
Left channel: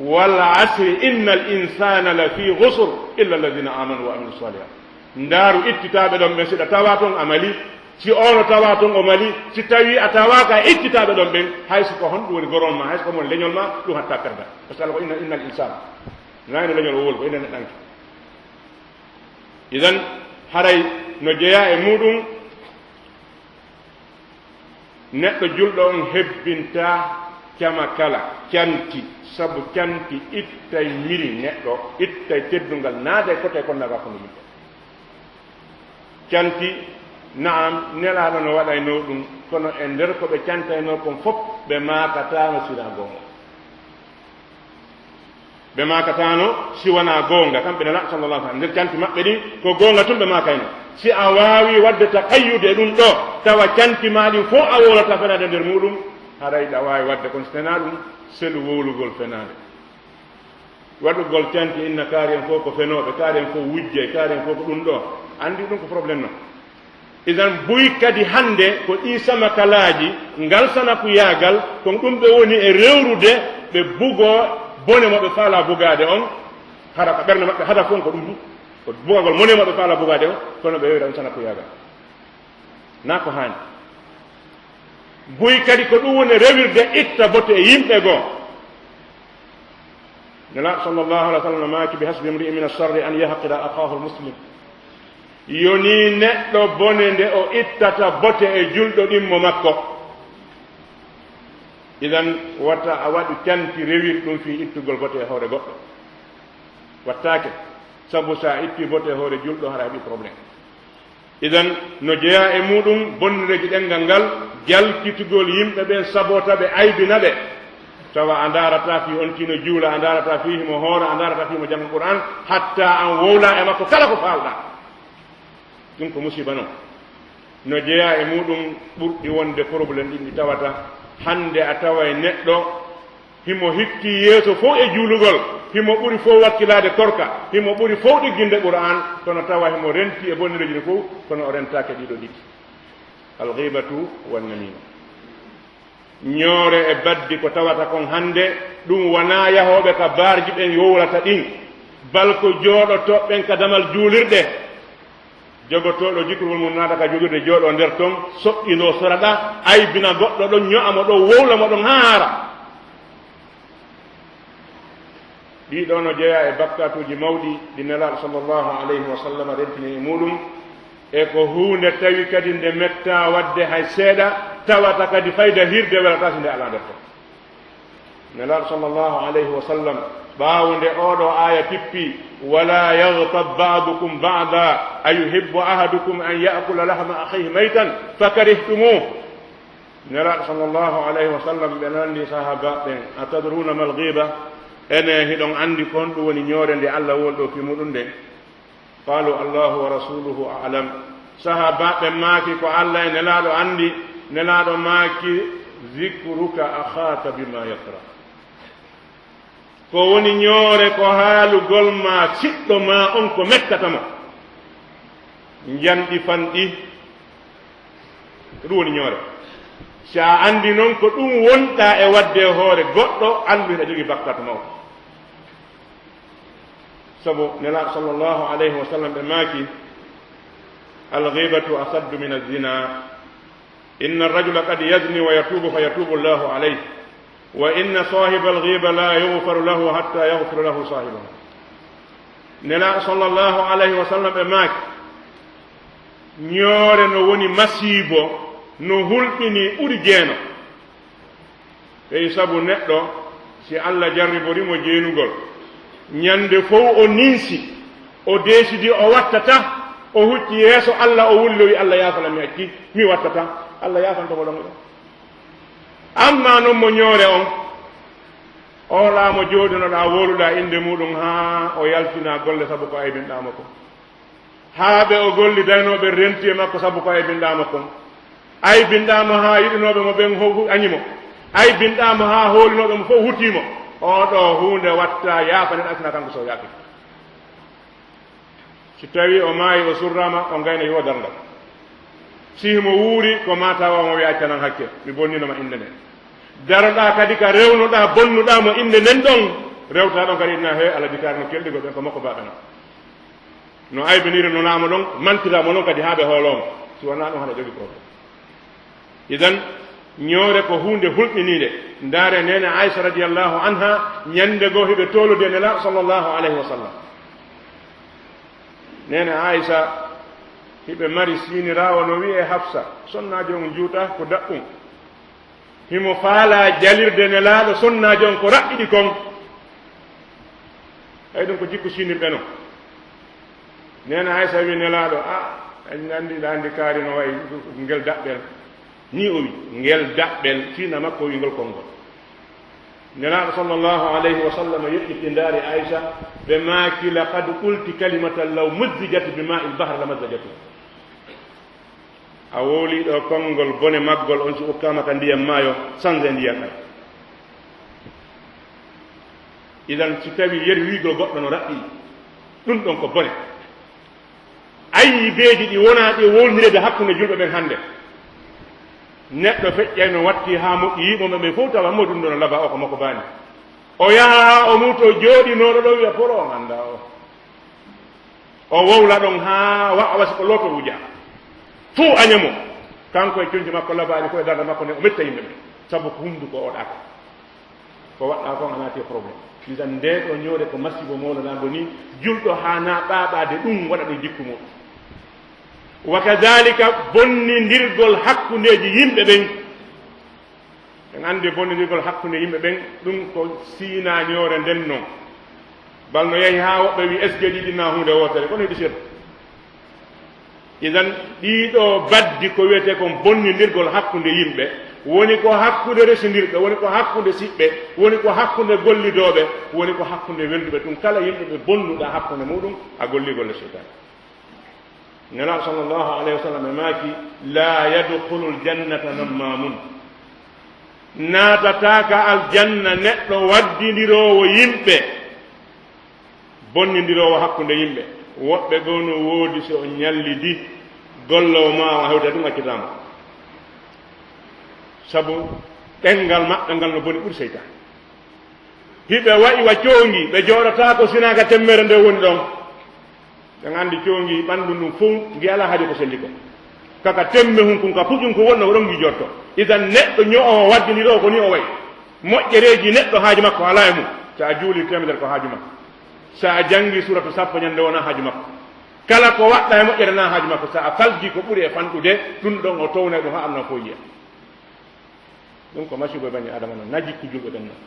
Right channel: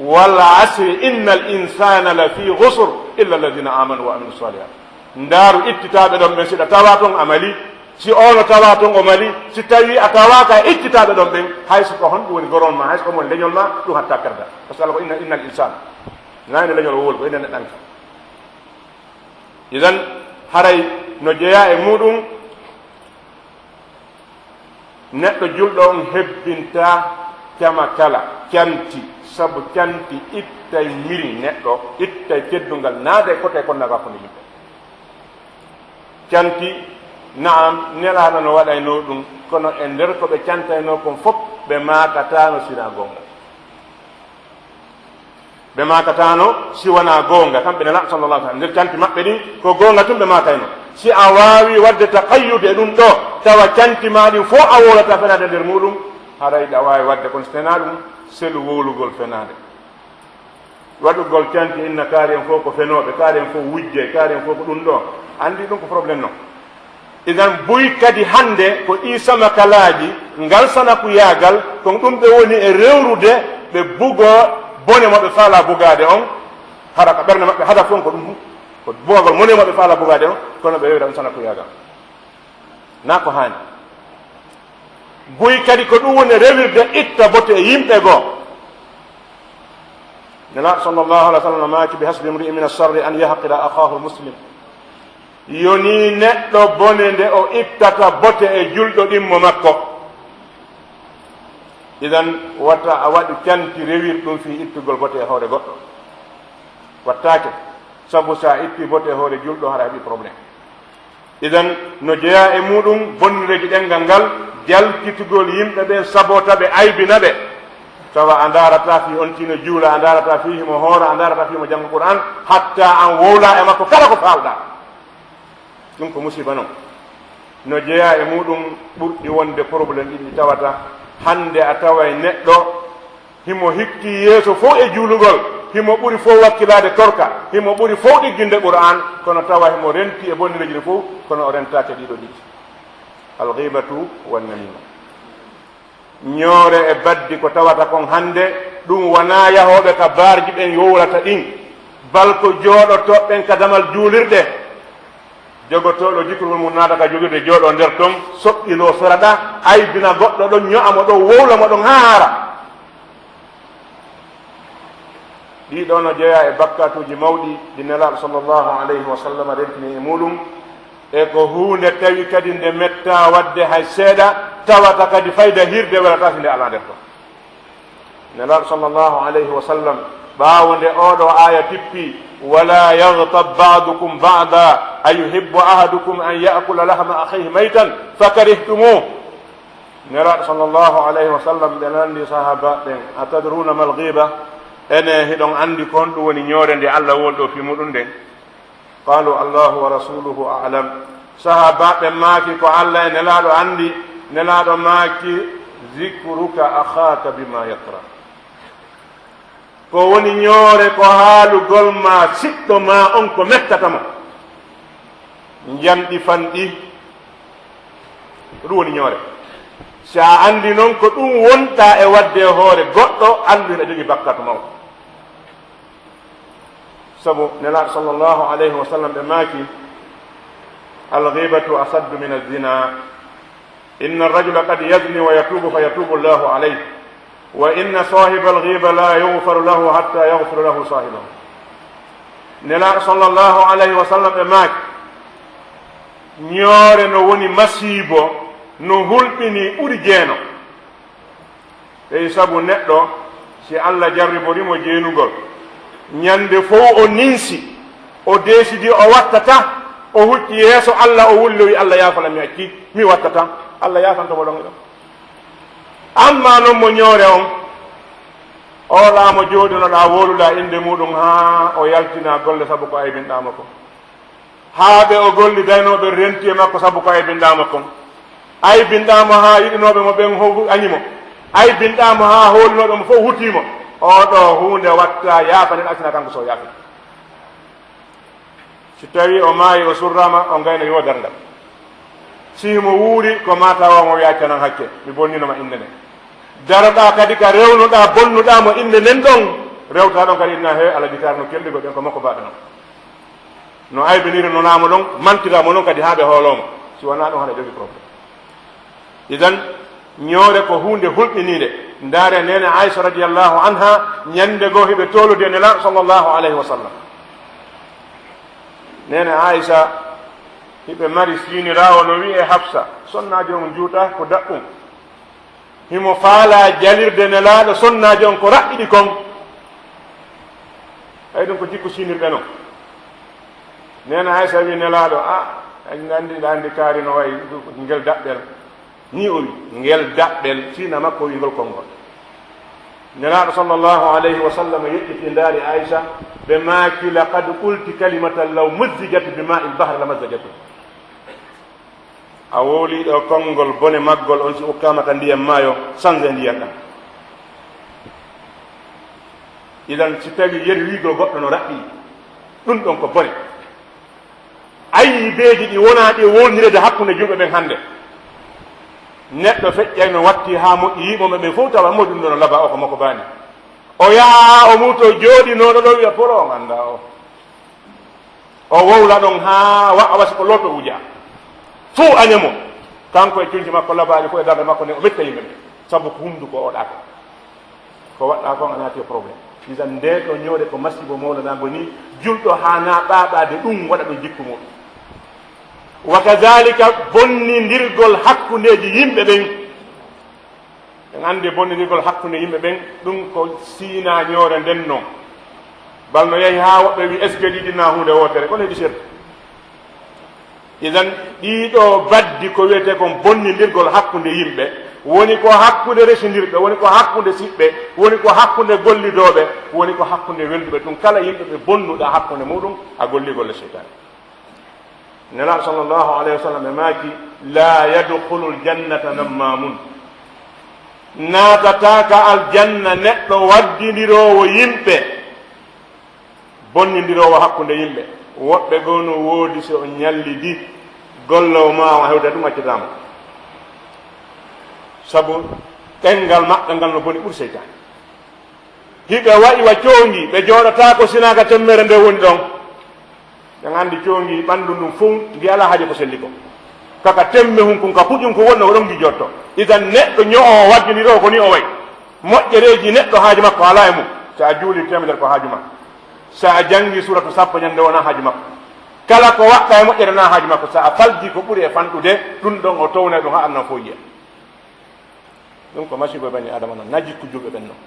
wal asri inna al insana la fi gusr illa alladina amanu wa amilu salihat ndaaru ittitaɓe ɗon ɓen siɗa tawa toon amali si ono tawa toon o mali si tawi a tawaka e ittitaɓe ɗon ɓen hayso ko honɗum woni goron ma hayso ko woni leñol ma ɗum hatta karda par ce que allah ko inna al insana nani leñol o woli ko enen neɗɗanke idan haray no jeeya e muɗum neɗɗo julɗo on hebbinta cama kala canti sabu canti ittay miri neɗɗo ittay teddungal naada e kote kon naga ko yimɓe canti naam nelaɗo no waɗayno ɗum kono e nder ko ɓe cantayno kon fof ɓe makatano sina gonga ɓe makatano si wona gonga kamɓe nela sallallah sallam nder canti maɓɓe ɗin ko gonga tum ɓe makayno si a wawi wadde taqayyude e ɗum ɗo tawa canti ma ɗin fof a wolata fenade nder muɗum haray a wawi wadde kono so fena ɗum selu wowlugol fenade waɗugol canti inna kaari en fof ko fenoɓe kaari en fof wujje kaari en fof ko ɗum ɗo andi ɗum ko probléme noon idan boyi kadi hande ko ɗi samakalaji ngal sanakuyagal kon ɗum ɓe woni e rewrude ɓe bugo bone moɓe faala bugade on haɗa ko ɓerde maɓɓe hada fon ko ɗum ko bugagol mone moɓe faala bugade on kono ɓe rewri ɗum sanakuyagal na ko hani boyi kadi ko ɗum woni rewirde itta bote e yimɓe goo nela sallllahu alih w sallam maki bi hasbi mri'in min alsarri an yahqira akhahu lmuslim yoni neɗɗo bone nde o ittata bote e julɗo ɗimmo makko idan watta a waɗi canti rewir ɗum fi ittugol bote e hoore goɗɗo wattake sabu sa itti bote e hoore julɗo haɗa heɓi probléme idan no jeeya e muɗum bonnireji ɗengal ngal jalkitugol yimɓe ɓen sabota ɓe aybina ɓe tawa a darata fi on tino juula a darata fi himo hoora a darata fimo janggo qur'an hatta an wowla e makko kala ko falɗa ɗum ko musiba noon no jeeya e muɗum ɓurɗi wonde probléme ɗin ɗi tawata hande a tawa e neɗɗo himo hikki yeeso fof e juulugol himo ɓuri fof wakkilade torka himo ɓuri fof ɗigginde qur'an kono tawa himo renti e bonnireji ɗi fof kono o rentake ɗiɗo ɗiɗi alghibatu wannamima ñoore e baddi ko tawata kon hande ɗum wona yahoɓe ka barji ɓen yowrata ɗin balko jooɗotoɓɓen ka damal juulirɗe jogotoɗo jikrugol mum naata ka jogirde jooɗo nder ton soɓɓino soraɗa aybina goɗɗo ɗon ño'amo ɗon wowlamo ɗon haara ɗiɗo no jeeya e bakkatuji mawɗi ɗi nelaɗo sallllahu alayhi wa sallam rentini e muɗum e ko hunde tawi kadi nde metta wadde hay seeɗa tawata kadi fayda hirde welata si nde ala nder ton nelaɗo sallllahu alayhi wa sallam ɓaawo nde oɗo aya pippi wala yagtab badukum bada ayuhibbu ahadukum an yakula lahma akhihi maytan fakarihtumu nelaɗo sallllahu alayhi wa sallam ɓe nandi sahaba ɓen atadruna mal ghiba ene hiɗon andi kon ɗum woni ñoore nde allah wolɗo fi muɗum nden qalu allahu wa rasuluhu alam sahabaɓe maaki ko allah e nelaɗo andi nelaɗo maaki zicruka akhaka bima yakra ko woni ñoore ko haalugol ma siɗɗo ma on ko mettatamo janɗi fanɗi ko ɗum woni ñoore sa andi noon ko ɗum wonta e wadde hoore goɗɗo andu ene jogii bakkatu mawko sabu nelaɗo sallllahu alayhi wa sallam ɓe maaki alghibatu asaddu min alzina inna arrajula qad yazni wa yatubu fa yatubu llahu alayh wa inna sahiba alghiba la yughfaru lahu hatta yaghfira lahu sahibahu nelaɗo sallllahu alayhi wa sallam ɓe maaki ñoore no woni masibo no hulɓini ɓuri jeeno ey sabu neɗɗo si allah jarriborimo jeenugol ñande fof o ninsi o décidi o wattata o hucci yeeso allah o wulloyi allah yaafana mi acci mi wattata allah yaafantamo ɗon ɗo amma noon mo ñoore on oɗamo jooɗinoɗa woluɗa inde muɗum ha o yaltina golle sabu ko aybinɗama kon haaɓe o golli daynoɓe renti e makko sabu ko aybinɗama kon aybinɗama ha yiɗinoɓe mo ɓen añimo aybinɗama ha hoolinoɓe mo fof hutimo oɗo hunde watta yaafanen asina kanko so yaafi si tawi o maayi o surrama o gayno yo darngal sihimo wuuri ko matawamo yaccanan hakke mi bonninoma inde nden daroɗa kadi ka rewnuɗa bonnuɗamo inde nden ɗon rewta ɗon kadi inna he ala jitare no kelɗigol ɓen ko makko baɓe noon no aybiniri no naamo ɗon mantiramo noon kadi haaɓe hoolomo si wona ɗon haɗa jogui probléme idan ñoore ko hunde hulɓinide ndaare nene aicha radiallahu anha ñande goo hiɓe tolude nelaɗo sallllahu alayhi wa sallam nene aicha hiɓe mari sinirawo no wiye hafsa sonnaji on juuta ko daɓɓum himo faala jalirde nelaaɗo sonnaaji on ko raɓɓiɗi kon ay ɗum ko jikku sinirɓe no nena Aysa wi nelaaɗo en anndiɗa anndi kaari no wayi ngel daɓɓel ni o wi ngel daɓɓel siina makko wingol konngol nelaaɗo sallllahu alayhi wa sallam yeɓɓiti ndaari Aysa ɓe maaki laqad qulti kalimatan law muzzijat bi ma il bahre la mazzajatu a wowliɗo konngol bone maggol on si ukkama ka ndiyam maayo sange ndiyam ɗam idan si tawi yeri wiigo goɗɗo no raɓɓi ɗum ɗon ko bone ayni beeji ɗi wona ɗi wownirede hakkunde julɓe ɓen hannde neɗɗo feƴƴay no watti ha moƴƴi yiɓoɓe ɓen fof tawa mo ɗum ɗo no laba o ko makko baani o yaha o muto jooɗinoɗo ɗo wiya poro o ganda o wowla ɗon ha waɗa wasi ko looto wuja fuu añamo kanko e cunci makko labaali fof e darde makko ne o metta yimɓe ɓe sabu ko hunduko oɗaka ko waɗɗa kon a naati probléme isan nde ɗo ñoode ko masibo mawlaɗango ni julɗo ha na ɓaɓade ɗum waɗa ɗum jikku muɗum wa kadalika bonnidirgol hakkundeji yimɓe ɓen en andi bonnidirgol hakkunde yimɓe ɓen ɗum ko siinañoore nden noon balno yehi ha woɓɓe wi est ce que ɗiɗina hunde wotere kono heɗi sirta idan ɗiɗo baddi ko wiyete kon bonnidirgol hakkunde yimɓe woni ko hakkunde residirɓe woni ko hakkunde siɓɓe woni ko hakkunde gollidoɓe woni ko hakkunde welduɓe ɗum kala yimɓe ɓe bonnuɗa hakkunde muɗum a golligolle seytani nelaɗo sallllahu alayhi wa sallam ɓe maaki la yadkhulu ljannata nammamun naatataka aljanna neɗɗo waddidirowo yimɓe bonnidirowo hakkunde yimɓe woɓɓe gonu woodi so o ñallidi gollowo ma o hewde ɗum accitama sabu ɗengal maɓɓe ngal no boni ɓuuri seytani hiɓe waɗi wa coongi ɓe jooɗata ko sinaka temmere nde woni ɗon ɓen anndi coongi ɓanndu ndum fof ngi ala haaji ko sendi ko kaka temme hum kun ka puƴum ko wonno ko ɗon ngi jotto idan neɗɗo ño'o waddiniroo ko ni o wayi moƴƴereeji neɗɗo haaji makko alaa e mum so a juuli temedere ko haaju makko so a janngi suratu sappo ñannde wona haaju makko kala ko waɗɗa e moƴƴere na haaju makko so a falji ko ɓuri e fanɗude ɗum ɗon o towne ɗum ha annan fof yiya ɗum ko masibo bani adama noon na jikku julɓe ɓen noon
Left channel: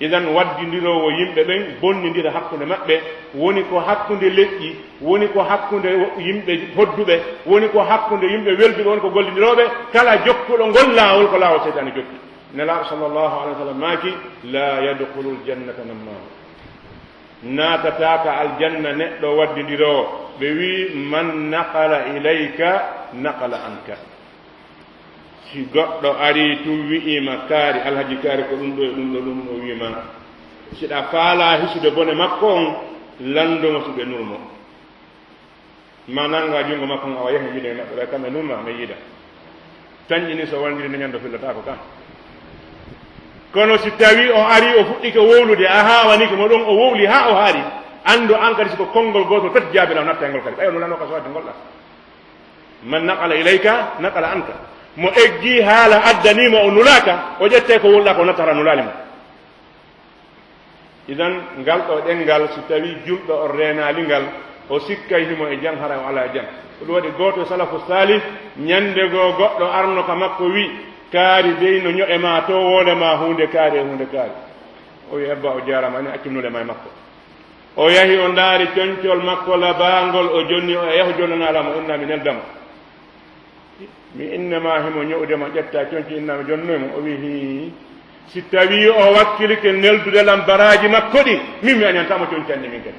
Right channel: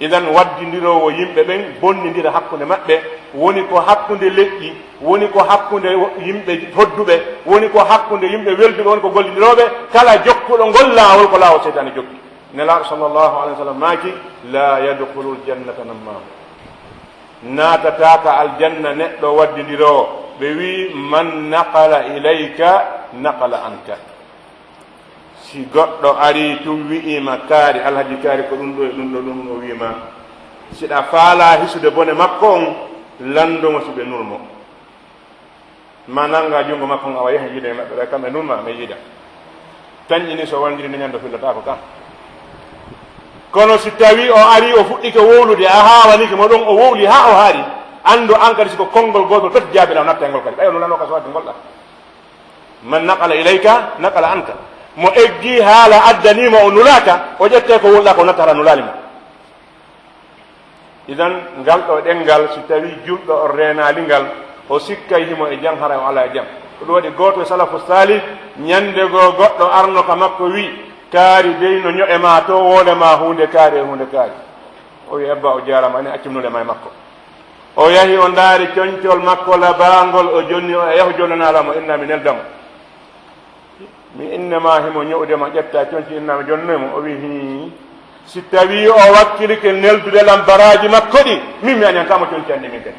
idan waddidirowo yimɓe ɓen bonnidira hakkunde maɓɓe woni ko hakkunde leƴƴi woni ko hakkunde yimɓe hodduɓe woni ko hakkunde yimɓe welduɓe woni ko gollidiroɓe kala jokkuɗo ngol laawol ko laawol seytani jokki nelaaɗo sallllahu alayhi wa sallam maaki la yadkhulu ljannata nammam naatataka aljanna neɗɗo waddidirowo ɓe wi man naqala ilayka naqala anka si goɗɗo ari tum wi'ima kaari alhaji kaari ko ɗum ɗo e ɗum ɗo ɗum o wiima siɗa faala hisude bone makko on landumo suɓe nurmo ma nanga junngo makko on awa yehi yiide maɓɓe ɓe kamɓe nurma mi yiida tañƴini so wandiri nde ñando fillatako kam kono si tawi o ari o fuɗɗike wowlude a hawanike mo ɗon o wowli ha o haari andu an kadi siko konngol gotol tati jaabila o natta e ngol kadi ɓayo nulano ka so wadde golɗa man naqala ilayka naqala anka mo eggi haala addanima o nulaka o ƴette ko wonɗa ko nattata nulali mo idan ngal ɗo ɗengal si tawi julɗo o renali ngal o sikkay himo e jam hara o ala e jam ko ɗum waɗi goto e salafu salih ñande go goɗɗo arno ka makko wi kaari dey no ño'e ma to wolema hunde kaari e hunde kaari o wi ebba o jarama ene accumnude ma e makko o yahi o ndaari coñcol makko labangol o jonni o yaho jonnanalamo inna mi neldamo mi innema himo ñowdema ƴetta coñci innami jonnoymo o wi hi si tawi o wakkilike neldude lambaraji makko ɗi min mi aniyantamo coñci andi min kadi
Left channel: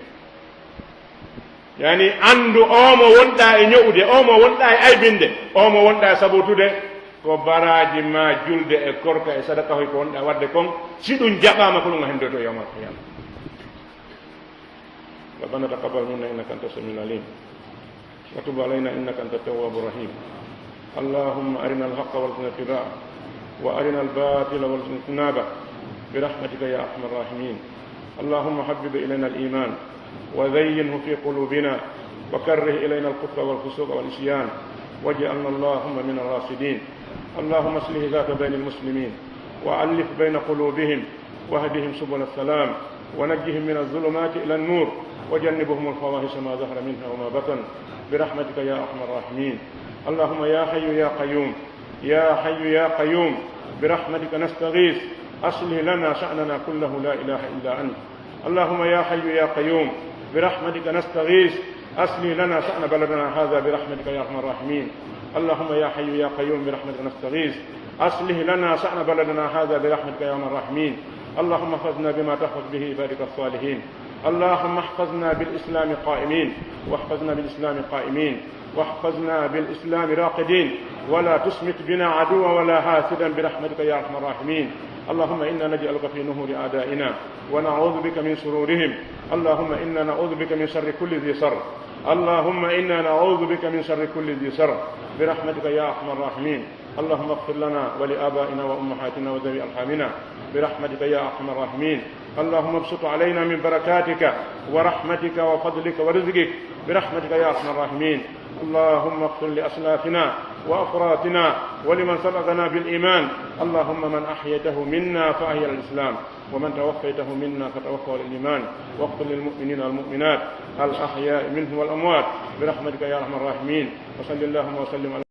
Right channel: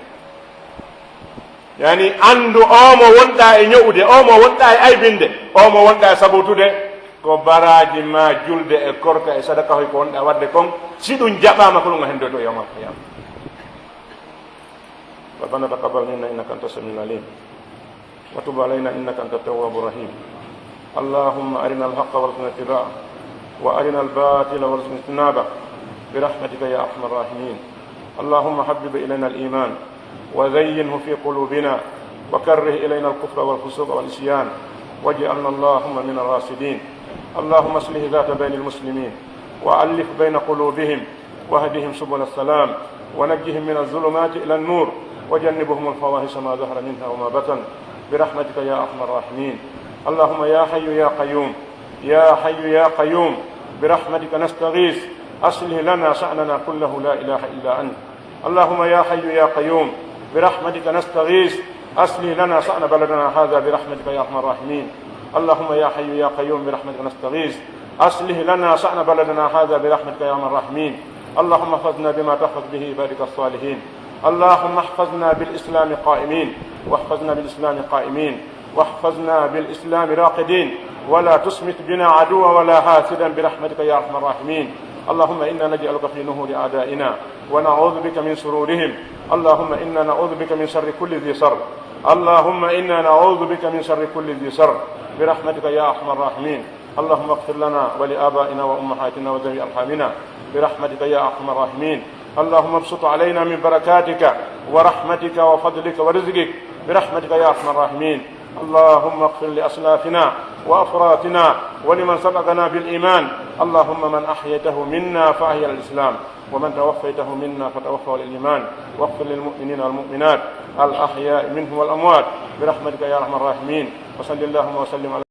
yani andu omo wonɗa e ñowde omo wonɗa e aybinde omo wonɗa e sabotude ko baraji ma julde e korka e sadaka hoy ko wonɗa wadde kon si ɗum jaɓama ko ɗum a hendo to yawmal qiyama rabbana taqabbal minna innaka anta samiul alim wa tub alayna innaka anta tawwabur rahim اللهم أرنا الحق وارزقنا اتباعه وأرنا الباطل وارزقنا اجتنابه برحمتك يا أرحم الراحمين اللهم حبب إلينا الإيمان وزينه في قلوبنا وكره إلينا الكفر والفسوق والعصيان واجعلنا اللهم من الراشدين اللهم اصلح ذات بين المسلمين وألف بين قلوبهم واهدهم سبل السلام ونجهم من الظلمات إلى النور وجنبهم الفواحش ما ظهر منها وما بطن برحمتك يا أرحم الراحمين اللهم يا حي يا قيوم يا حي يا قيوم برحمتك نستغيث أصلح لنا شأننا كله لا إله إلا أنت. اللهم يا حي يا قيوم برحمتك نستغيث أصلح لنا شأن بلدنا هذا برحمتك يا أرحم الراحمين. اللهم يا حي يا قيوم برحمتك نستغيث أصلح لنا شأن بلدنا هذا برحمتك يا أرحم الراحمين. اللهم احفظنا بما تحفظ به عبادك الصالحين. اللهم احفظنا بالإسلام قائمين، واحفظنا بالإسلام قائمين، واحفظنا بالإسلام راقدين، ولا تسمت بنا عدوا ولا حاسدا برحمتك يا أرحم الراحمين. اللهم إنا نجعلك في نهور أعدائنا ونعوذ بك من شرورهم. اللهم إنا نعوذ بك من شر كل ذي شر. اللهم إنا نعوذ بك من شر كل ذي شر برحمتك يا أرحم الراحمين. اللهم اغفر لنا ولآبائنا وأمهاتنا وذوي أرحامنا برحمتك يا أرحم الراحمين. اللهم ابسط علينا من بركاتك ورحمتك وفضلك ورزقك برحمتك يا أرحم الراحمين. اللهم اغفر لأسلافنا وأفراتنا ولمن سبقنا بالإيمان. اللهم من أحيته منا فأحيا الإسلام، ومن توفيته منا فتوفى الإيمان. واغفر للمؤمنين والمؤمنات الأحياء منهم والأموات برحمتك يا أرحم الراحمين. وصل اللهم وسلم على